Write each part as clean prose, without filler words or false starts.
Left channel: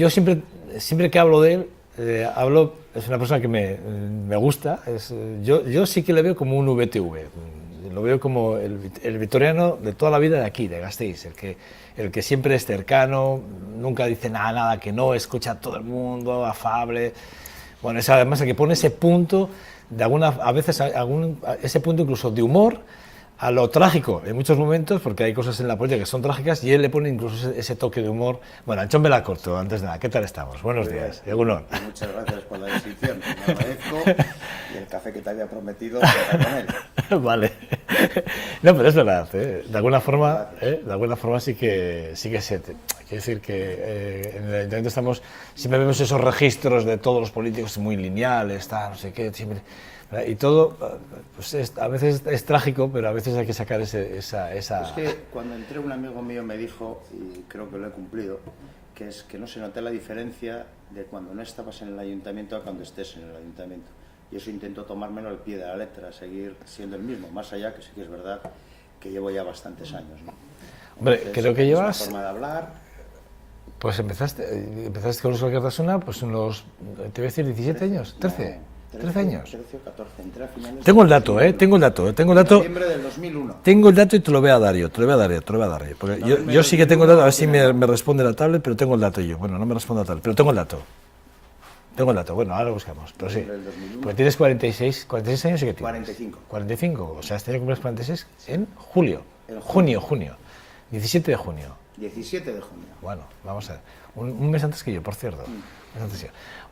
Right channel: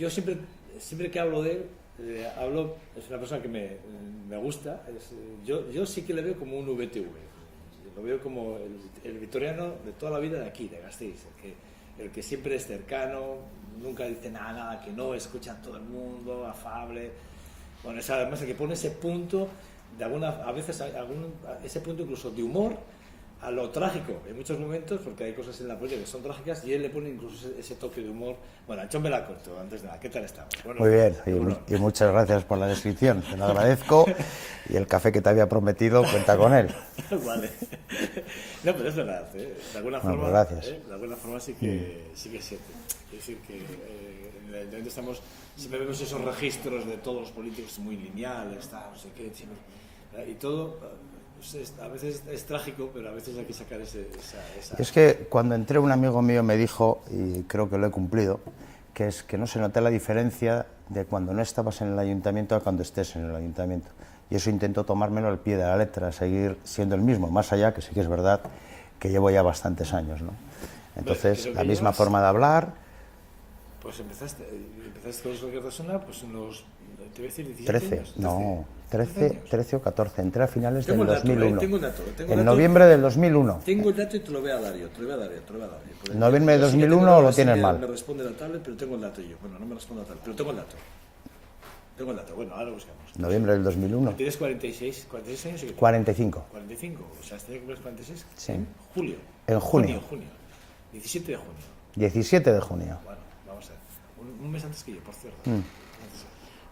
yo siempre que hablo de él, es una persona que me gusta, yo sí que le veo como un VTV, lo veo como el vitoriano de toda la vida de aquí, de Gasteiz, el que siempre es cercano, nunca dice nada que no, escucha a todo el mundo, afable. Bueno, es además el que pone ese punto, a veces ese punto incluso de humor, a lo trágico en muchos momentos, porque hay cosas en la política que son trágicas, y él le pone incluso ese toque de humor. Bueno, Antxon Belacorto, antes de nada, ¿qué tal estamos? Buenos días. Muy bien, y muchas gracias por la descripción, te lo agradezco, y el café que te había prometido, cuenta con él. Vale. No, pero es verdad, de alguna forma, sí que se... Quiero decir que en el Ayuntamiento siempre vemos esos registros de todos los políticos muy lineales, no sé qué, siempre... Y todo, pues a veces es trágico, pero a veces hay que sacar esa... Es que cuando entré un amigo mío me dijo, y creo que lo he cumplido, que es que no se nota la diferencia de cuando no estabas en el ayuntamiento a cuando estés en el ayuntamiento. Y eso intento tomármelo al pie de la letra, seguir siendo el mismo, más allá que sí que es verdad que llevo ya bastantes años, ¿no? Entonces, hombre, creo que la misma forma de hablar... Pues empezaste con los Alcartasuna, pues unos, te voy a decir, 17 años, 13. No, 13 o 14, entré a finales tengo del el dato, 2001. tengo el dato. En noviembre del 2001. Tengo el dato y te lo voy a dar yo, Porque yo sí que tengo el dato, a ver si me responde la tablet, pero tengo el dato yo. Bueno, no me responde la tablet, pero tengo el dato. Bueno, ahora lo buscamos. Noviembre del 2001. Pues tienes 46 años y ¿qué tienes? 45. 45, o sea, este año cumples 46 sí. En julio. En junio. 17 de junio. 17 de junio. Bueno, vamos a ver. Un mes antes que yo, por cierto.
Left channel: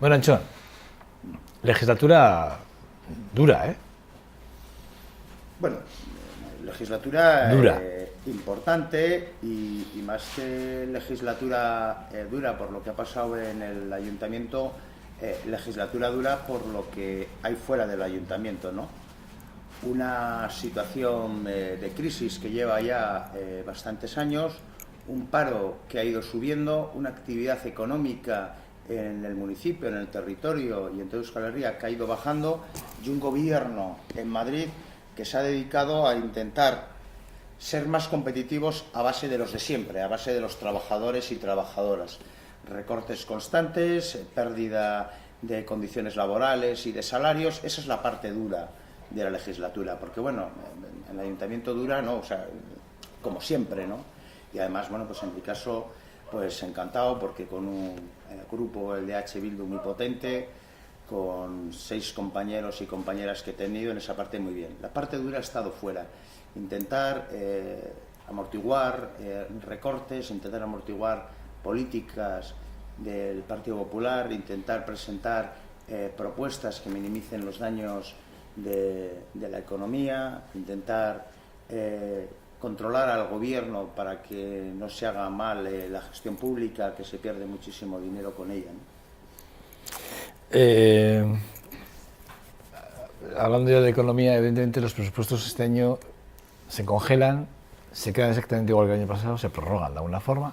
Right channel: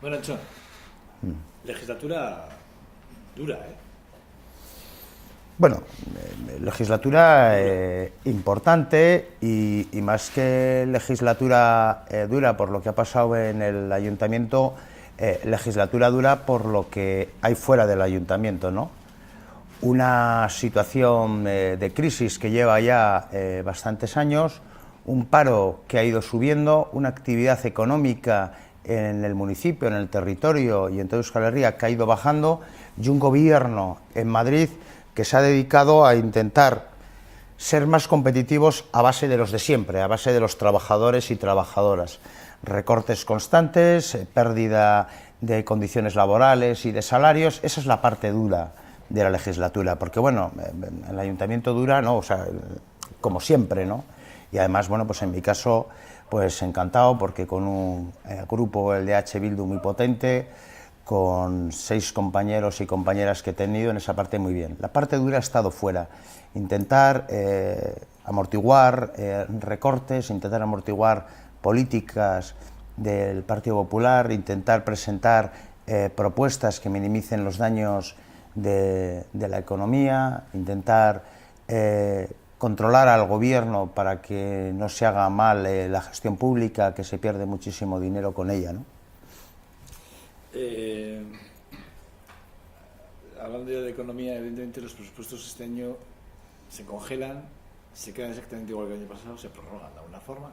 Bueno, Antxon, legislatura dura, ¿eh? Bueno, legislatura dura. Importante y más que legislatura dura por lo que ha pasado en el ayuntamiento, legislatura dura por lo que hay fuera del ayuntamiento, ¿no? Una situación de crisis que lleva ya bastantes años, un paro que ha ido subiendo, una actividad económica en el municipio, en el territorio y en toda Euskal Herria que ha ido bajando, y un gobierno en Madrid que se ha dedicado a intentar ser más competitivos a base de los de siempre, a base de los trabajadores y trabajadoras. Recortes constantes, pérdida de condiciones laborales y de salarios, esa es la parte dura de la legislatura, porque bueno, el ayuntamiento dura, ¿no? O sea, como siempre, ¿no? Y además, bueno, pues en mi caso, pues encantado, porque con un grupo, el de H. Bildu, muy potente, con 6 compañeros y compañeras que he tenido, en esa parte muy bien. La parte dura ha estado fuera. Intentar amortiguar recortes, intentar amortiguar políticas del Partido Popular, intentar presentar propuestas que minimicen los daños de la economía, intentar controlar al gobierno para que no se haga mal la gestión pública, que se pierde muchísimo dinero con ella, ¿no? Hablando yo de economía, evidentemente los presupuestos este año se congelan, se quedan exactamente igual que el año pasado, se prorrogan de alguna forma.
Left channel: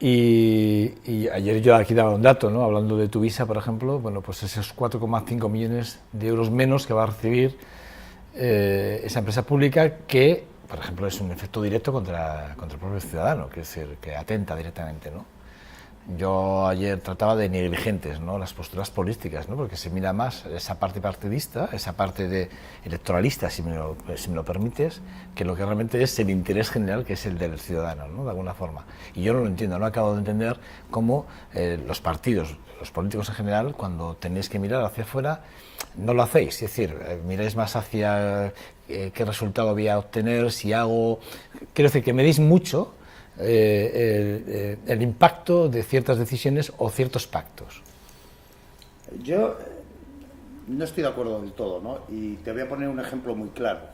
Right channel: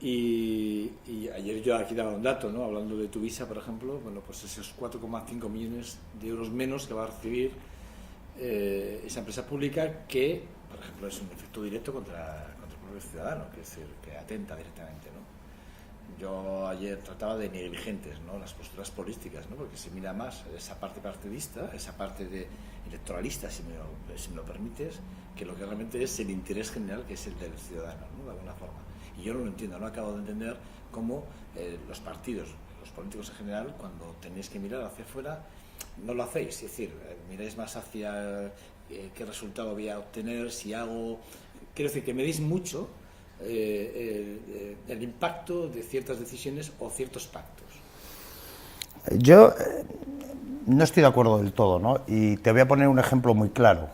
Y ayer yo aquí daba un dato, ¿no? Hablando de Tuvisa, por ejemplo, bueno, pues esos 4,5 millones de euros menos que va a recibir esa empresa pública que, por ejemplo, es un efecto directo contra el propio ciudadano, que es decir, que atenta directamente, ¿no? Yo ayer trataba de negligentes, ¿no? Las posturas políticas, ¿no? Porque se mira más esa parte partidista, esa parte de electoralista, si me lo permites, que lo que realmente es el interés general, que es el del ciudadano, ¿no? De alguna forma. Y yo no lo entiendo, no acabo de entender cómo los partidos, los políticos en general, cuando tenéis que mirar hacia afuera, no lo hacéis. Es decir, miráis más hacia qué resultado voy a obtener, si hago... Quiero decir, que medís mucho el impacto de ciertas decisiones o ciertos pactos. Yo no estoy de acuerdo del todo, ¿no? Y te voy a poner un ejemplo muy claro.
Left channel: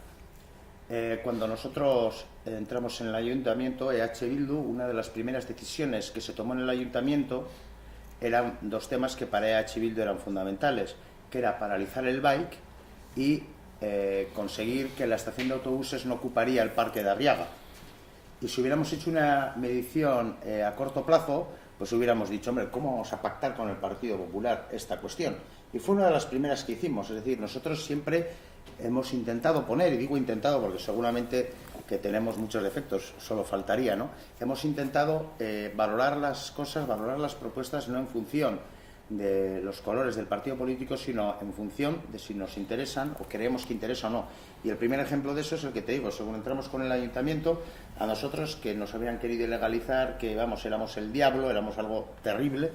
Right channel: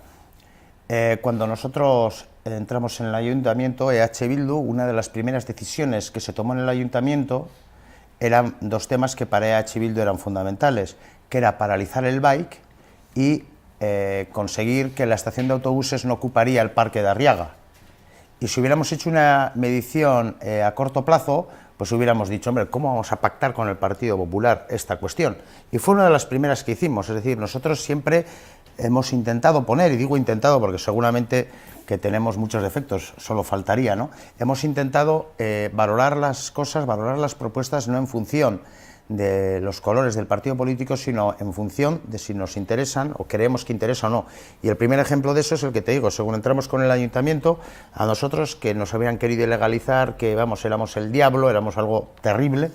Cuando nosotros entramos en el ayuntamiento, EH Bildu, una de las primeras decisiones que se tomó en el ayuntamiento eran 2 temas que para EH Bildu eran fundamentales, que era paralizar el bike y conseguir que la estación de autobuses no ocuparía el parque de Arriaga. Y si hubiéramos hecho una medición a corto plazo, pues hubiéramos dicho, hombre, ¿cómo vamos a pactar con el Partido Popular esta cuestión? Y fue una de las primeras que hicimos, es decir, nosotros siempre hemos intentado poner, y digo intentado porque seguramente que tenemos muchos defectos, solo faltaría, ¿no? Hemos intentado valorar las cosas, valorar las propuestas no en función de los colores del partido político, sino en función de si nos interesan o creemos que interesa o no. Y el primer ejemplo de eso es el que te digo, según entramos con el ayuntamiento, a nosotros que nos habían querido ilegalizar, que vamos, éramos el diablo, éramos algo terrible,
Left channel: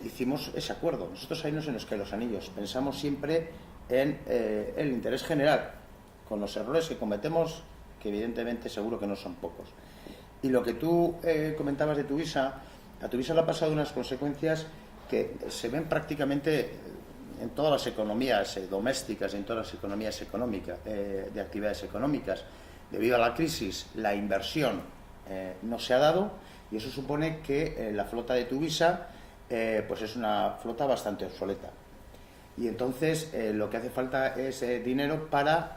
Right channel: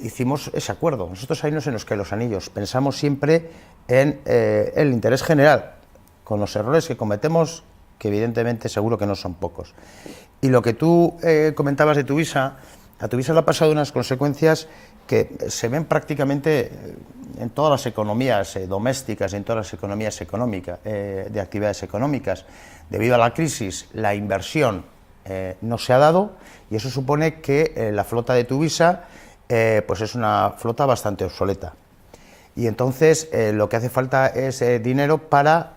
hicimos ese acuerdo. Nosotros ahí no se nos caen los anillos, pensamos siempre en el interés general, con los errores que cometemos, que evidentemente seguro que no son pocos. Y lo que tú comentabas de Tuvisa, a Tuvisa le ha pasado unas consecuencias que se ven prácticamente en todas las economías domésticas y en todas las economías económicas, de actividades económicas. Debido a la crisis, la inversión no se ha dado y eso supone que la flota de Tuvisa pues es una flota bastante obsoleta. Y entonces lo que hace falta es dinero para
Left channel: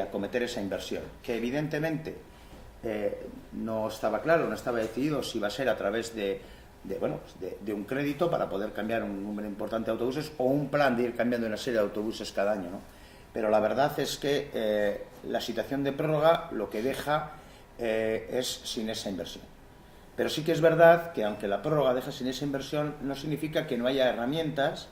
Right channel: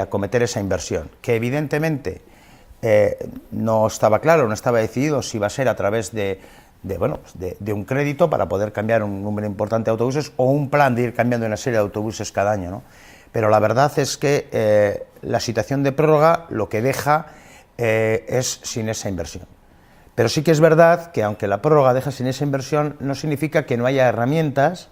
acometer esa inversión, que evidentemente no estaba claro, no estaba decidido si iba a ser a través de un crédito para poder cambiar un número importante de autobuses o un plan de ir cambiando una serie de autobuses cada año, ¿no? Pero la verdad es que la situación de prórroga lo que deja es sin esa inversión. Pero sí que es verdad que aunque la prórroga deja sin esa inversión, no significa que no haya herramientas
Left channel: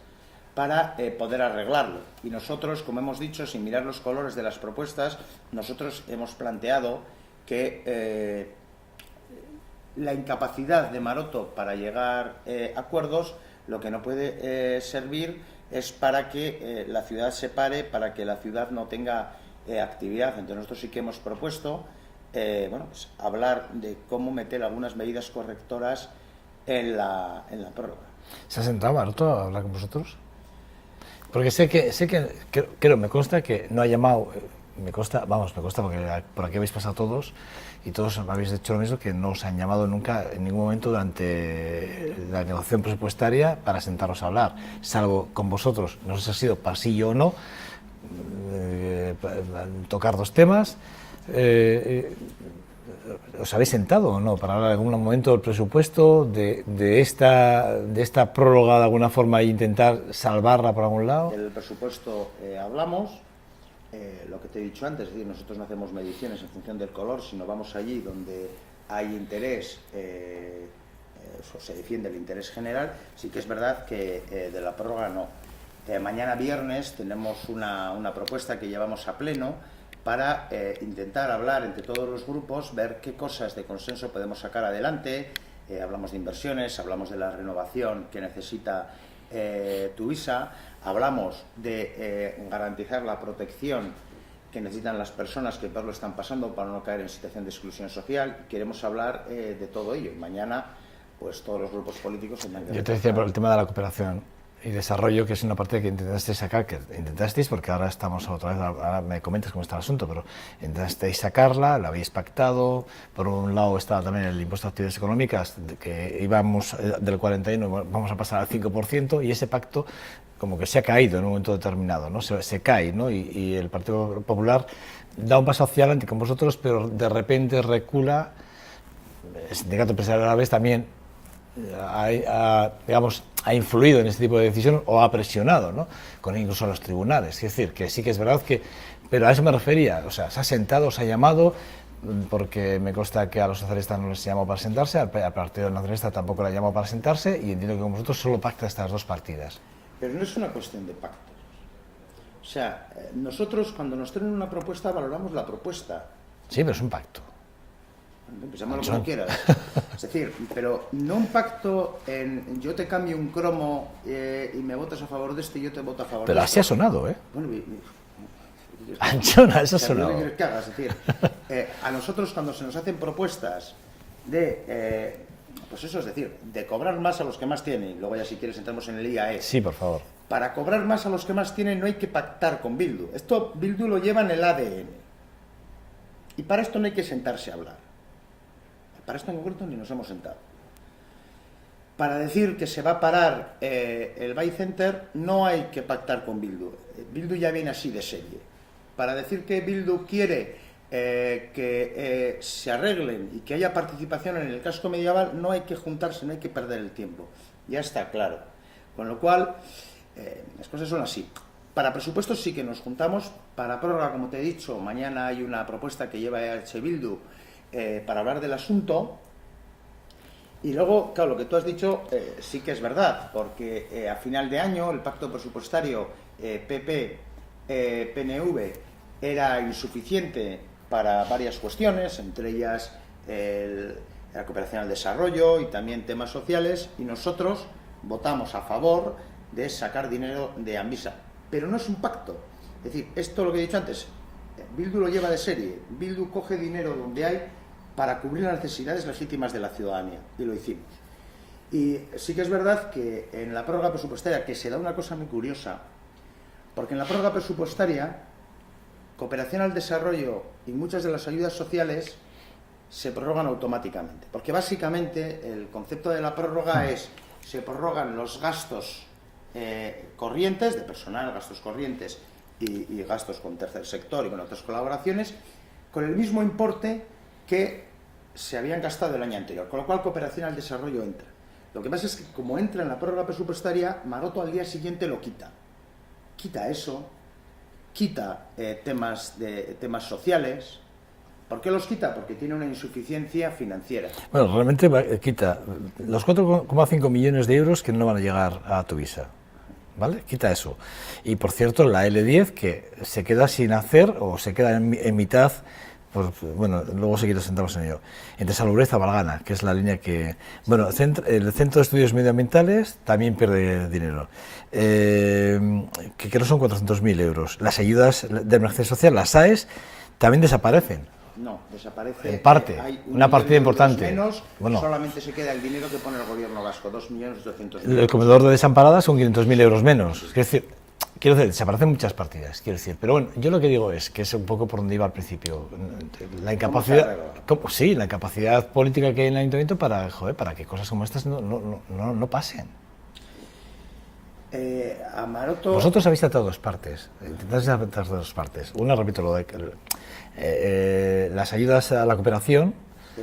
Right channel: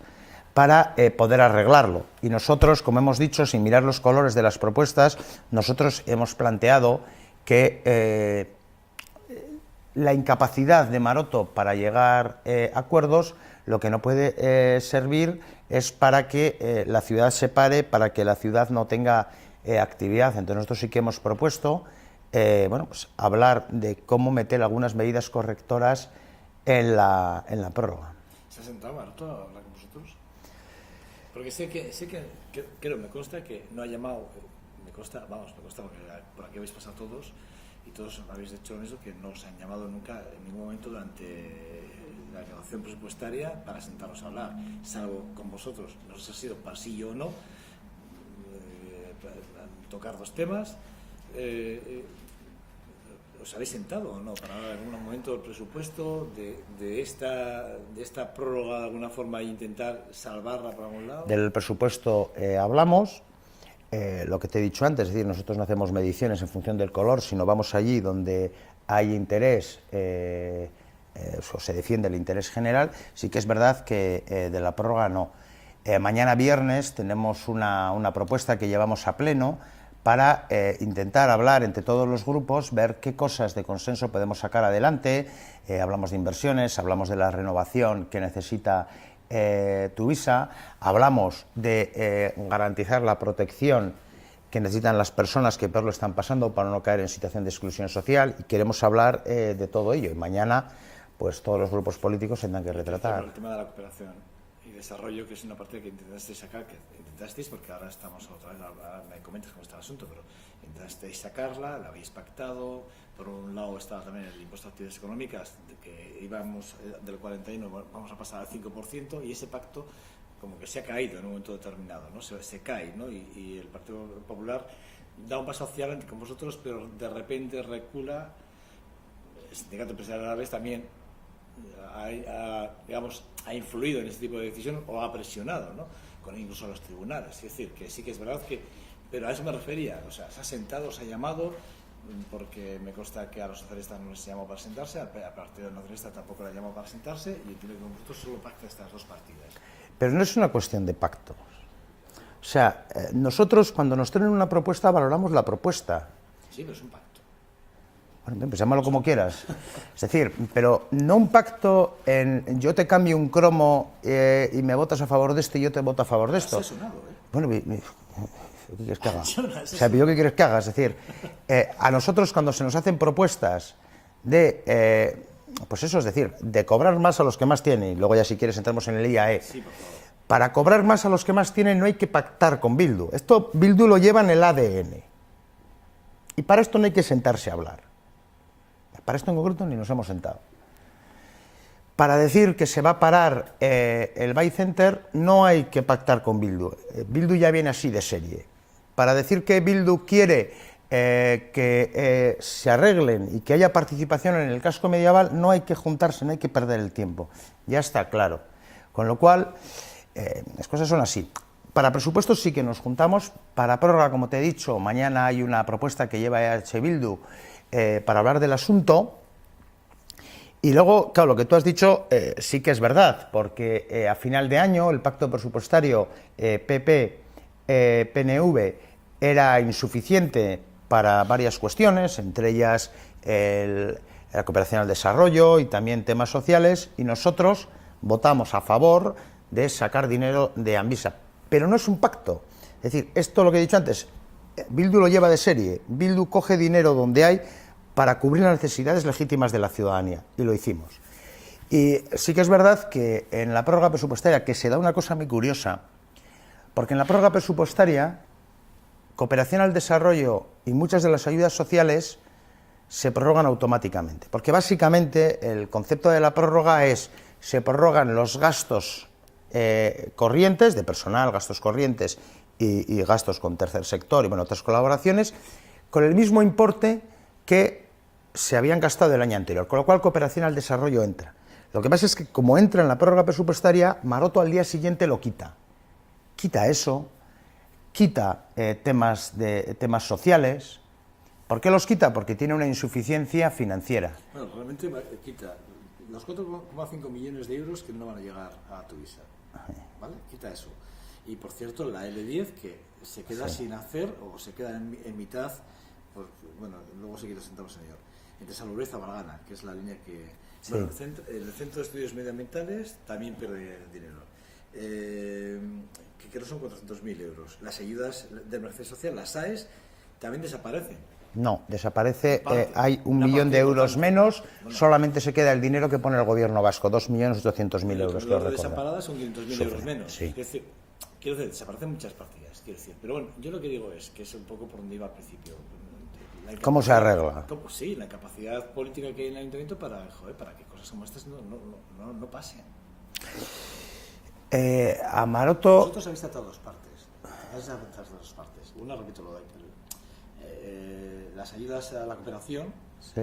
para poder arreglarlo. Y nosotros, como hemos dicho, sin mirar los colores de las propuestas, nosotros hemos planteado que la incapacidad de Maroto para llegar a acuerdos, lo que no puede servir es para que la ciudad se pare, para que la ciudad no tenga actividad. Entonces nosotros sí que hemos propuesto pues, hablar de cómo meter algunas medidas correctoras en la prórroga. ¿Se ha sentado Maroto a hablar con vosotros? Porque sé que creo, me consta que no ha llamado, me consta porque por aquí habéis pasado todos y todos habéis hecho lo mismo, que no os han llamado nunca en ningún momento durante la negociación presupuestaria para sentaros a hablar, salvo con vosotros, no sé si ha sido pasillo o no, tocar dos temas. ¿Os habéis sentado o no para hablar en algún momento del presupuesto, de esta prórroga de alguna forma e intentar salvarla por algún lado? Del presupuesto hablamos, lo que te he dicho antes, es decir, nosotros no hacemos mediciones en función del color, sino vamos allí donde hay interés, o se defiende el interés general. Sí que es verdad que de la prórroga no. Mañana viernes tenemos una propuesta que llevamos a pleno para intentar hablar entre todos los grupos, ver qué cosas de consenso podemos sacar adelante. Hablamos de inversiones, hablamos de la renovación que necesita Tuvisa, hablamos de garantizar la protección que necesitan las personas que peor lo están pasando para no caer en situación de exclusión social, y queremos hablar de todo ello. Y mañana, pues todos los grupos políticos tendrán que... Yo te decía por el tema de la cooperación y desarrollo, que es una parte que intentasteis sacar, porque ahora estamos otra vez, ahora me comentas cómo está el asunto, pero intentasteis sacarla, la habéis pactado. Por un lado estaba también el impuesto a actividades económicas, que íbamos del 41, vamos a pasar al 5%, y ese pacto como que se ha caído en un momento determinado, ¿no? Se cae, ¿no? Y el Partido Popular da un paso hacia adelante con vosotros, pero de repente recula. El Sindicato Empresarial a la vez también ha influido en este tipo de decisiones o ha presionado, ¿no? Con incluso a los tribunales. Es decir, que sí que es verdad que... Pero a eso me refería, o sea, se ha sentado, se ha llamado, porque me consta que a los socialistas no les llamó para sentarse, al Partido Nacionalista tampoco le llamó para sentarse, y entiendo que con vosotros solo pacta estas dos partidas. Pero no es una cuestión de pactos. O sea, nosotros cuando nos traen una propuesta valoramos la propuesta. Sí, pero es un pacto. Bueno, pues llámalo como quieras. Es decir, pero no un pacto en yo te cambio un cromo y me votas a favor de esto y yo te voto a favor de esto. Pero así ha sonado, ¿eh? Bueno, Anchona, eso ha sonado. ¿Qué quieres que haga? Es decir, a nosotros cuando se nos hacen propuestas de... pues eso, es decir, de cobrar más a los que más tienen, luego ya si quieres entramos en el IAE. Sí, por favor. Para cobrar más a los que más tienen no hay que pactar con Bildu. Esto Bildu lo lleva en el ADN. Y para esto no hay que sentarse a hablar. Para esto en concreto ni nos hemos sentado. Para decir que se va a parar el Buy Center no hay que pactar con Bildu. Bildu ya viene así de serie. Para decir que Bildu quiere que se arreglen y que haya participación en el casco medieval no hay que juntarse, no hay que perder el tiempo. Ya está claro. Con lo cual, las cosas son así. Para presupuestos sí que nos juntamos, para prórroga, como te he dicho, mañana hay una propuesta que lleva EH Bildu para hablar del asunto. Y luego, claro, lo que tú has dicho sí que es verdad, porque a final de año el pacto presupuestario PP-PNV era insuficiente para varias cuestiones, entre ellas la cooperación al desarrollo y también temas sociales, y nosotros votamos a favor de sacar dinero de Amvisa. Pero no es un pacto. Es decir, esto lo que he dicho antes, Bildu lo lleva de serie. Bildu coge dinero donde hay para cubrir las necesidades legítimas de la ciudadanía, y lo hicimos. Y sí que es verdad que en la prórroga presupuestaria, que se da una cosa muy curiosa, porque en la prórroga presupuestaria, cooperación al desarrollo y muchas de las ayudas sociales se prorrogan automáticamente, porque básicamente el concepto de la prórroga es, se prorrogan los gastos corrientes, de personal, gastos corrientes y gastos con tercer sector y bueno, otras colaboraciones, con el mismo importe que se habían gastado el año anterior, con lo cual cooperación al desarrollo entra. Lo que pasa es que como entra en la prórroga presupuestaria, Maroto al día siguiente lo quita. Quita eso, quita temas sociales. ¿Por qué los quita? Porque tiene una insuficiencia financiera. Bueno, realmente quita los 4,5 millones de euros que no van a llegar a Tuvisa, ¿vale? Quita eso. Y por cierto, la L10 que se queda sin hacer o se queda en mitad, pues, bueno, luego seguiremos sentados en ello. Entre Salobres y Valgana, que es la línea que... Bueno, el Centro de Estudios Medioambientales también pierde dinero, que no son 400.000 euros. Las ayudas de emergencia social, las AES, también desaparecen. No, desaparece, parte, hay una millón partida de euros importante. Menos, bueno, solamente se queda el dinero que pone el gobierno vasco, 2.800.000 euros. El comedor de desamparadas son 500.000 euros menos. Sí. Quiero decir, desaparecen muchas partidas, quiero decir. Pero bueno, yo lo que digo es que es un poco por donde iba al principio. La incapacidad, ¿cómo se arregla? Sí, la incapacidad política que hay en el ayuntamiento para que cosas como estas no pasen. A Maroto... Vosotros habéis tratado dos partes. Una, repito, lo de las ayudas a la cooperación, sí.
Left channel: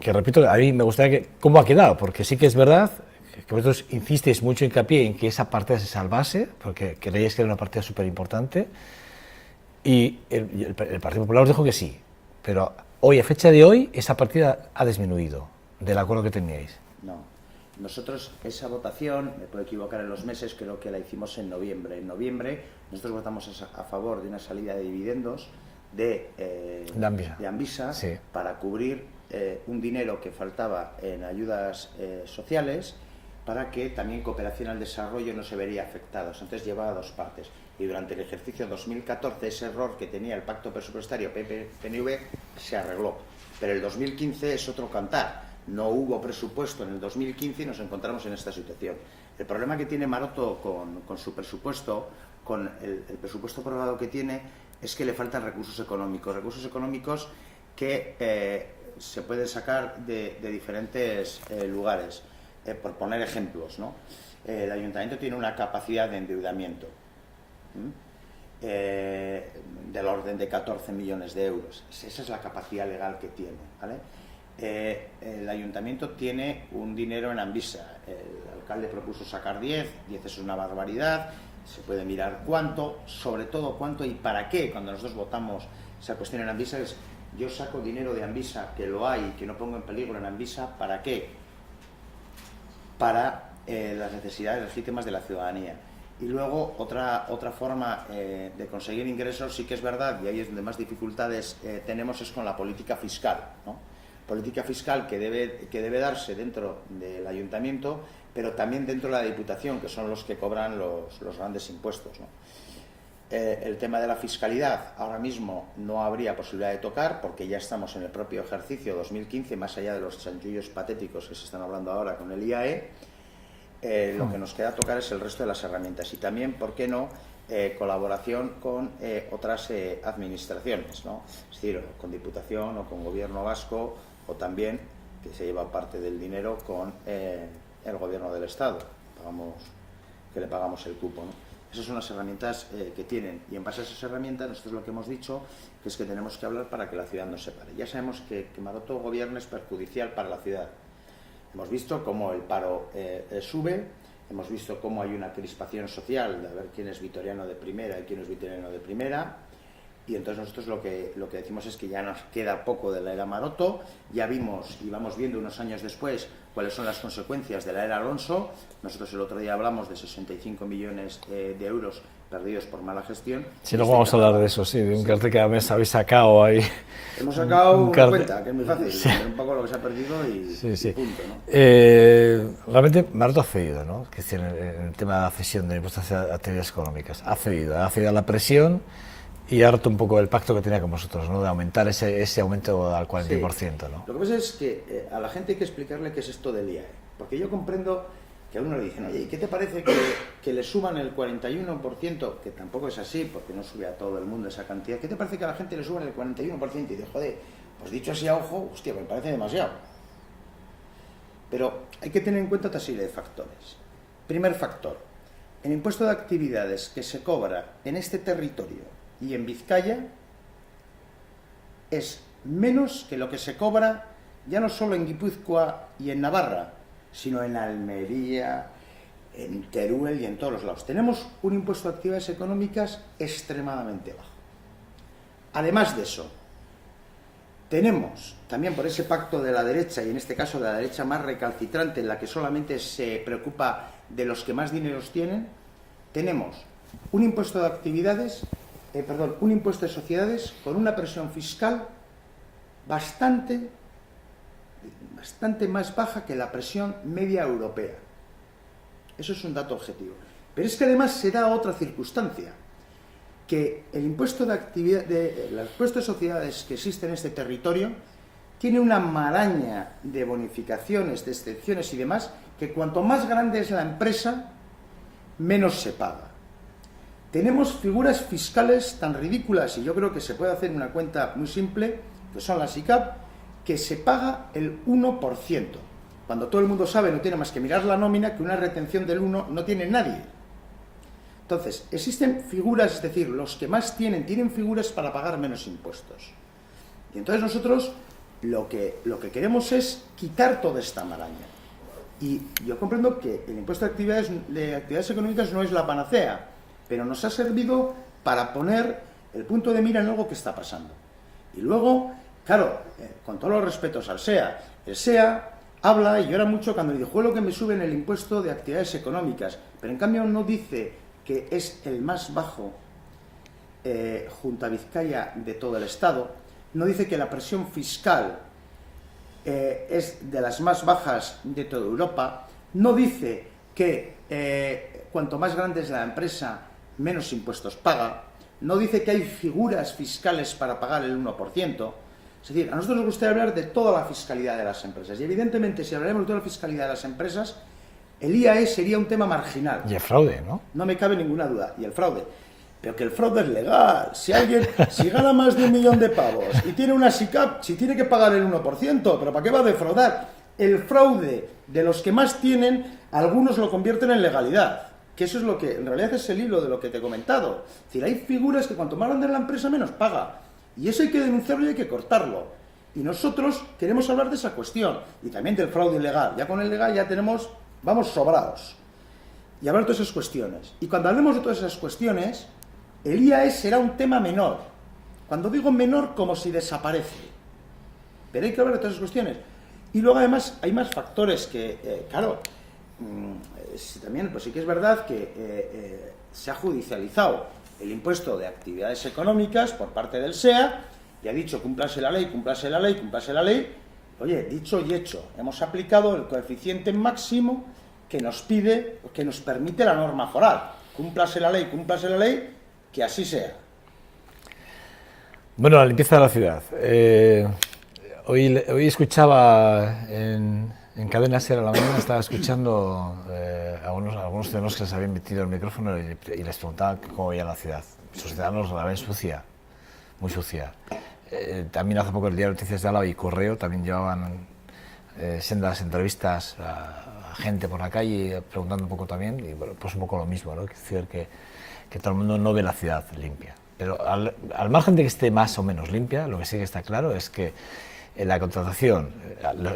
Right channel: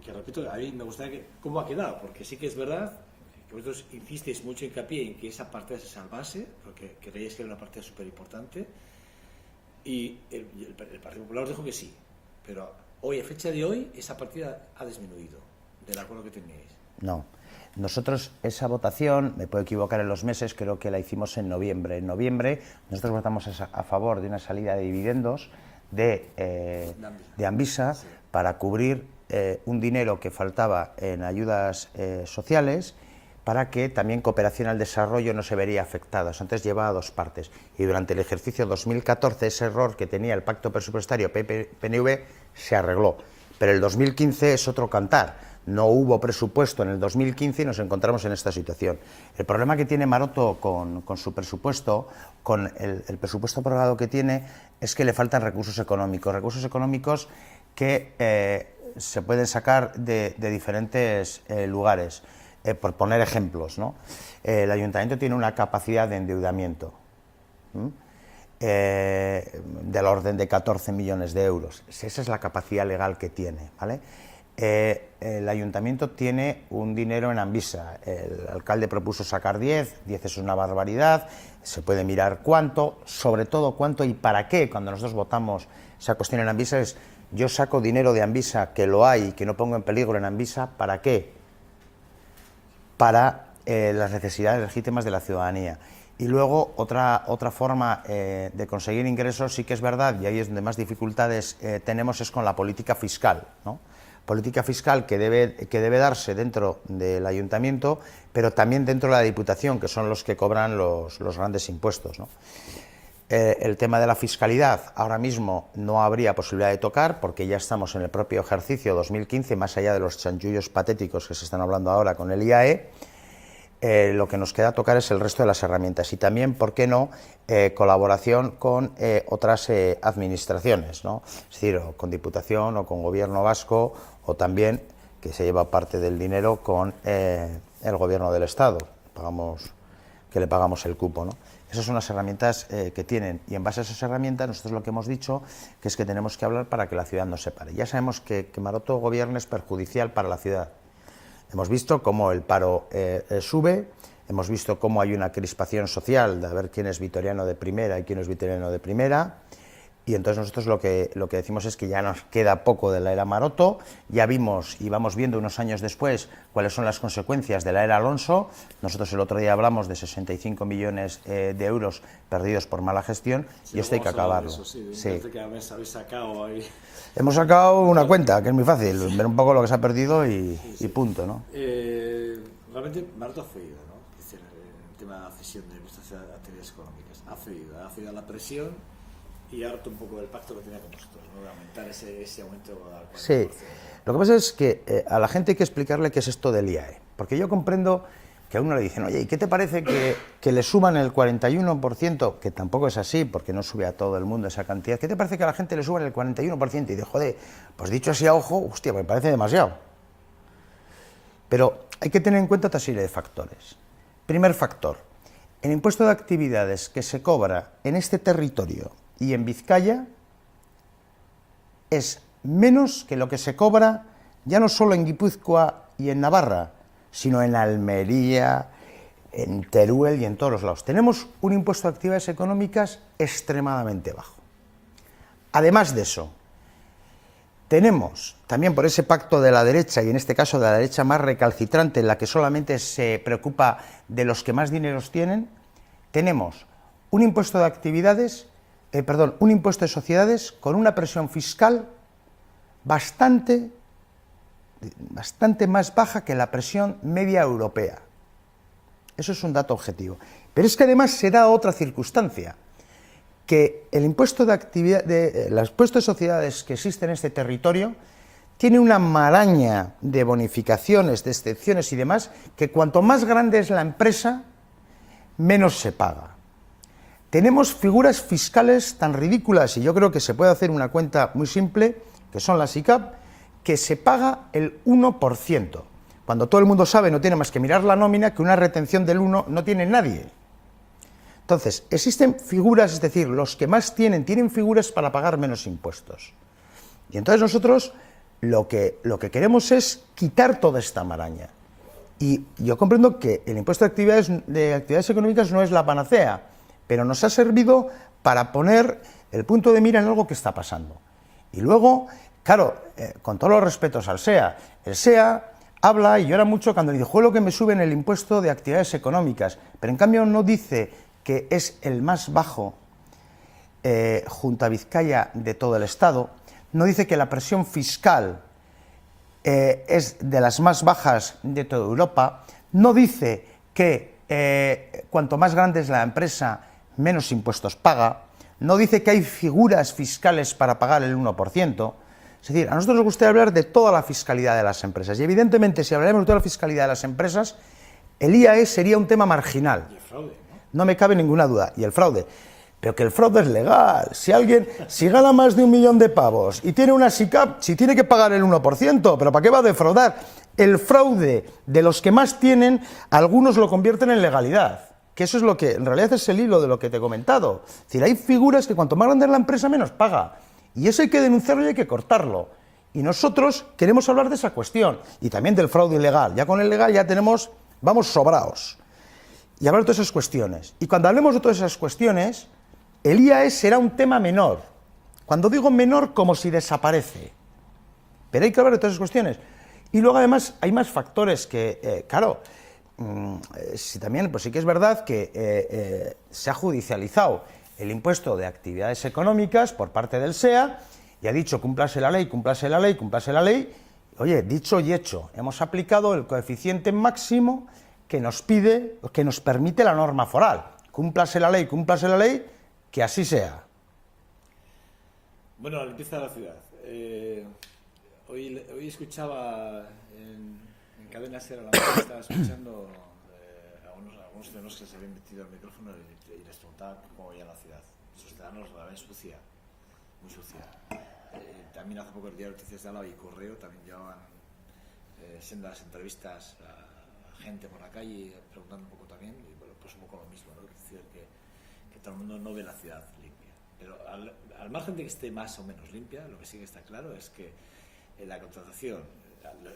Que repito, a mí me gustaría que... ¿Cómo ha quedado? Porque sí que es verdad que vosotros insisteis mucho hincapié en que esa partida se salvase, porque creíais que era una partida súper importante, y el Partido Popular os dijo que sí, pero hoy, a fecha de hoy, esa partida ha disminuido del acuerdo que teníais. No. Nosotros esa votación, me puedo equivocar en los meses, creo que la hicimos en noviembre. En noviembre nosotros votamos a favor de una salida de dividendos de Amvisa sí. Para cubrir un dinero que faltaba en ayudas sociales, para que también cooperación al desarrollo no se vería afectado. Entonces llevaba dos partes. Y durante el ejercicio 2014 ese error que tenía el pacto presupuestario PP-PNV se arregló. Pero el 2015 es otro cantar. No hubo presupuesto en el 2015 y nos encontramos en esta situación. El problema que tiene Maroto con su presupuesto, con el presupuesto aprobado que tiene, es que le faltan recursos económicos que se pueden sacar de diferentes lugares. Por poner ejemplos, ¿no? El ayuntamiento tiene una capacidad de endeudamiento del orden de 14 millones de euros. Esa es la capacidad legal que tiene, ¿vale? El ayuntamiento tiene un dinero en Amvisa. El alcalde propuso sacar 10 es una barbaridad. Se puede mirar cuánto, sobre todo cuánto y para qué. Cuando nosotros votamos esa cuestión en Amvisa es, yo saco dinero de Amvisa, que lo hay, que no pongo en peligro en Amvisa, ¿para qué? Para las necesidades legítimas de la ciudadanía. Y luego otra forma de conseguir ingresos, sí que es verdad, y ahí es donde más dificultades tenemos, es con la política fiscal, ¿no? Política fiscal que debe darse dentro del ayuntamiento, pero también dentro de la Diputación, que son los que cobran los grandes impuestos, ¿no? El tema de la fiscalidad ahora mismo no habría posibilidad de tocar, porque ya estamos en el propio ejercicio 2015, más allá de los chanchullos patéticos que se están hablando ahora con el IAE. Lo que nos queda tocar es el resto de las herramientas y también, ¿por qué no?, colaboración con otras administraciones, ¿no? Es decir, o con Diputación o con Gobierno vasco, o también, que se lleva parte del dinero, con el Gobierno del Estado, que le pagamos el cupo, ¿no? Esas son las herramientas que tienen, y en base a esas herramientas nosotros lo que hemos dicho que es que tenemos que hablar para que la ciudad no se pare. Ya sabemos que Maroto gobierna es perjudicial para la ciudad. Hemos visto cómo el paro sube, hemos visto cómo hay una crispación social de a ver quién es vitoriano de primera y quién es vitoriano de primera, y entonces nosotros lo que decimos es que ya nos queda poco de la era Maroto, ya vimos y vamos viendo unos años después cuáles son las consecuencias de la era Alonso. Nosotros el otro día hablamos de 65 millones de euros perdidos por mala gestión. Sí, luego vamos a hablar de eso, sí, de un cartel que habéis sacado ahí. Hemos sacado una cuenta, que es muy fácil, ver un poco lo que se ha perdido y punto, ¿no? Realmente Maroto ha cedido, ¿no? Que es en el tema de la cesión de impuestos a actividades económicas. Ha cedido a la presión y ha roto un poco el pacto que tenía con vosotros, ¿no? De aumentar ese aumento al 40%, ¿no? Lo que pasa es que a la gente hay que explicarle qué es esto del IAE, porque yo comprendo que a uno le dicen, oye, ¿y qué te parece que le suban el 41%? Que tampoco es así, porque no sube a todo el mundo esa cantidad. ¿Qué te parece que a la gente le suban el 41%? Y de joder, pues dicho así a ojo, hostia, me parece demasiado. Pero hay que tener en cuenta otra serie de factores. Primer factor, el impuesto de actividades que se cobra en este territorio y en Vizcaya es menos que lo que se cobra ya no solo en Guipúzcoa y en Navarra, sino en Almería, en Teruel y en todos los lados. Tenemos un impuesto de actividades económicas extremadamente bajo. Además de eso, tenemos también por ese pacto de la derecha, y en este caso de la derecha más recalcitrante, en la que solamente se preocupa de los que más dineros tienen, tenemos un impuesto de actividades, un impuesto de sociedades con una presión fiscal bastante más baja que la presión media europea. Eso es un dato objetivo. Pero es que además se da otra circunstancia, que el impuesto de impuesto de sociedades que existe en este territorio tiene una maraña de bonificaciones, de excepciones y demás, que cuanto más grande es la empresa, menos se paga. Tenemos figuras fiscales tan ridículas, y yo creo que se puede hacer una cuenta muy simple, que son las ICAP, que se paga el 1%, cuando todo el mundo sabe, no tiene más que mirar la nómina, que una retención del 1 no tiene nadie. Entonces, existen figuras, es decir, los que más tienen figuras para pagar menos impuestos. Y entonces nosotros lo que queremos es quitar toda esta maraña. Y yo comprendo que el impuesto de actividades económicas no es la panacea, pero nos ha servido para poner el punto de mira en algo que está pasando. Y luego, claro, con todos los respetos al SEA, el SEA habla y llora mucho cuando dice, lo que me suben el impuesto de actividades económicas, pero en cambio no dice que es el más bajo junto a Vizcaya de todo el Estado, no dice que la presión fiscal es de las más bajas de toda Europa, no dice que cuanto más grande es la empresa, menos impuestos paga, no dice que hay figuras fiscales para pagar el 1%, es decir, a nosotros nos gustaría hablar de toda la fiscalidad de las empresas, y evidentemente si hablaremos de toda la fiscalidad de las empresas, el IAE sería un tema marginal. Y el fraude, ¿no? No me cabe ninguna duda, y el fraude. Pero que el fraude es legal. Si gana más de 1 millón de pavos y tiene una SICAP, si tiene que pagar el 1%, ¿pero para qué va a defraudar? El fraude de los que más tienen, algunos lo convierten en legalidad. Que eso es lo que, en realidad es el hilo de lo que te he comentado. Es decir, hay figuras que cuanto más grande es la empresa, menos paga. Y eso hay que denunciarlo y hay que cortarlo. Y nosotros queremos hablar de esa cuestión. Y también del fraude ilegal. Ya con el legal ya vamos sobrados. Y hablar de todas esas cuestiones. Y cuando hablemos de todas esas cuestiones, el IAE será un tema menor. Cuando digo menor, como si desaparece. Pero hay que hablar de todas esas cuestiones. Y luego además hay más factores que, claro, también pues sí que es verdad que se ha judicializado el impuesto de actividades económicas por parte del SEA y ha dicho cúmplase la ley, cúmplase la ley, cúmplase la ley. Oye, dicho y hecho, hemos aplicado el coeficiente máximo que nos permite la norma foral. Cúmplase la ley, que así sea. Bueno, la limpieza de la ciudad. Hoy escuchaba en Cadena Ser a la mañana, estaba escuchando algunos ciudadanos que les habían metido el micrófono y les preguntaban cómo veía la ciudad. Sus ciudadanos la ven sucia, muy sucia. También hace poco el diario Noticias de Álava y Correo también llevaban sendas entrevistas a gente por la calle preguntando un poco también, y bueno, pues un poco lo mismo, ¿no? Es decir, que todo el mundo no ve la ciudad limpia. Pero al margen de que esté más o menos limpia, lo que sí que está claro es que en la contratación,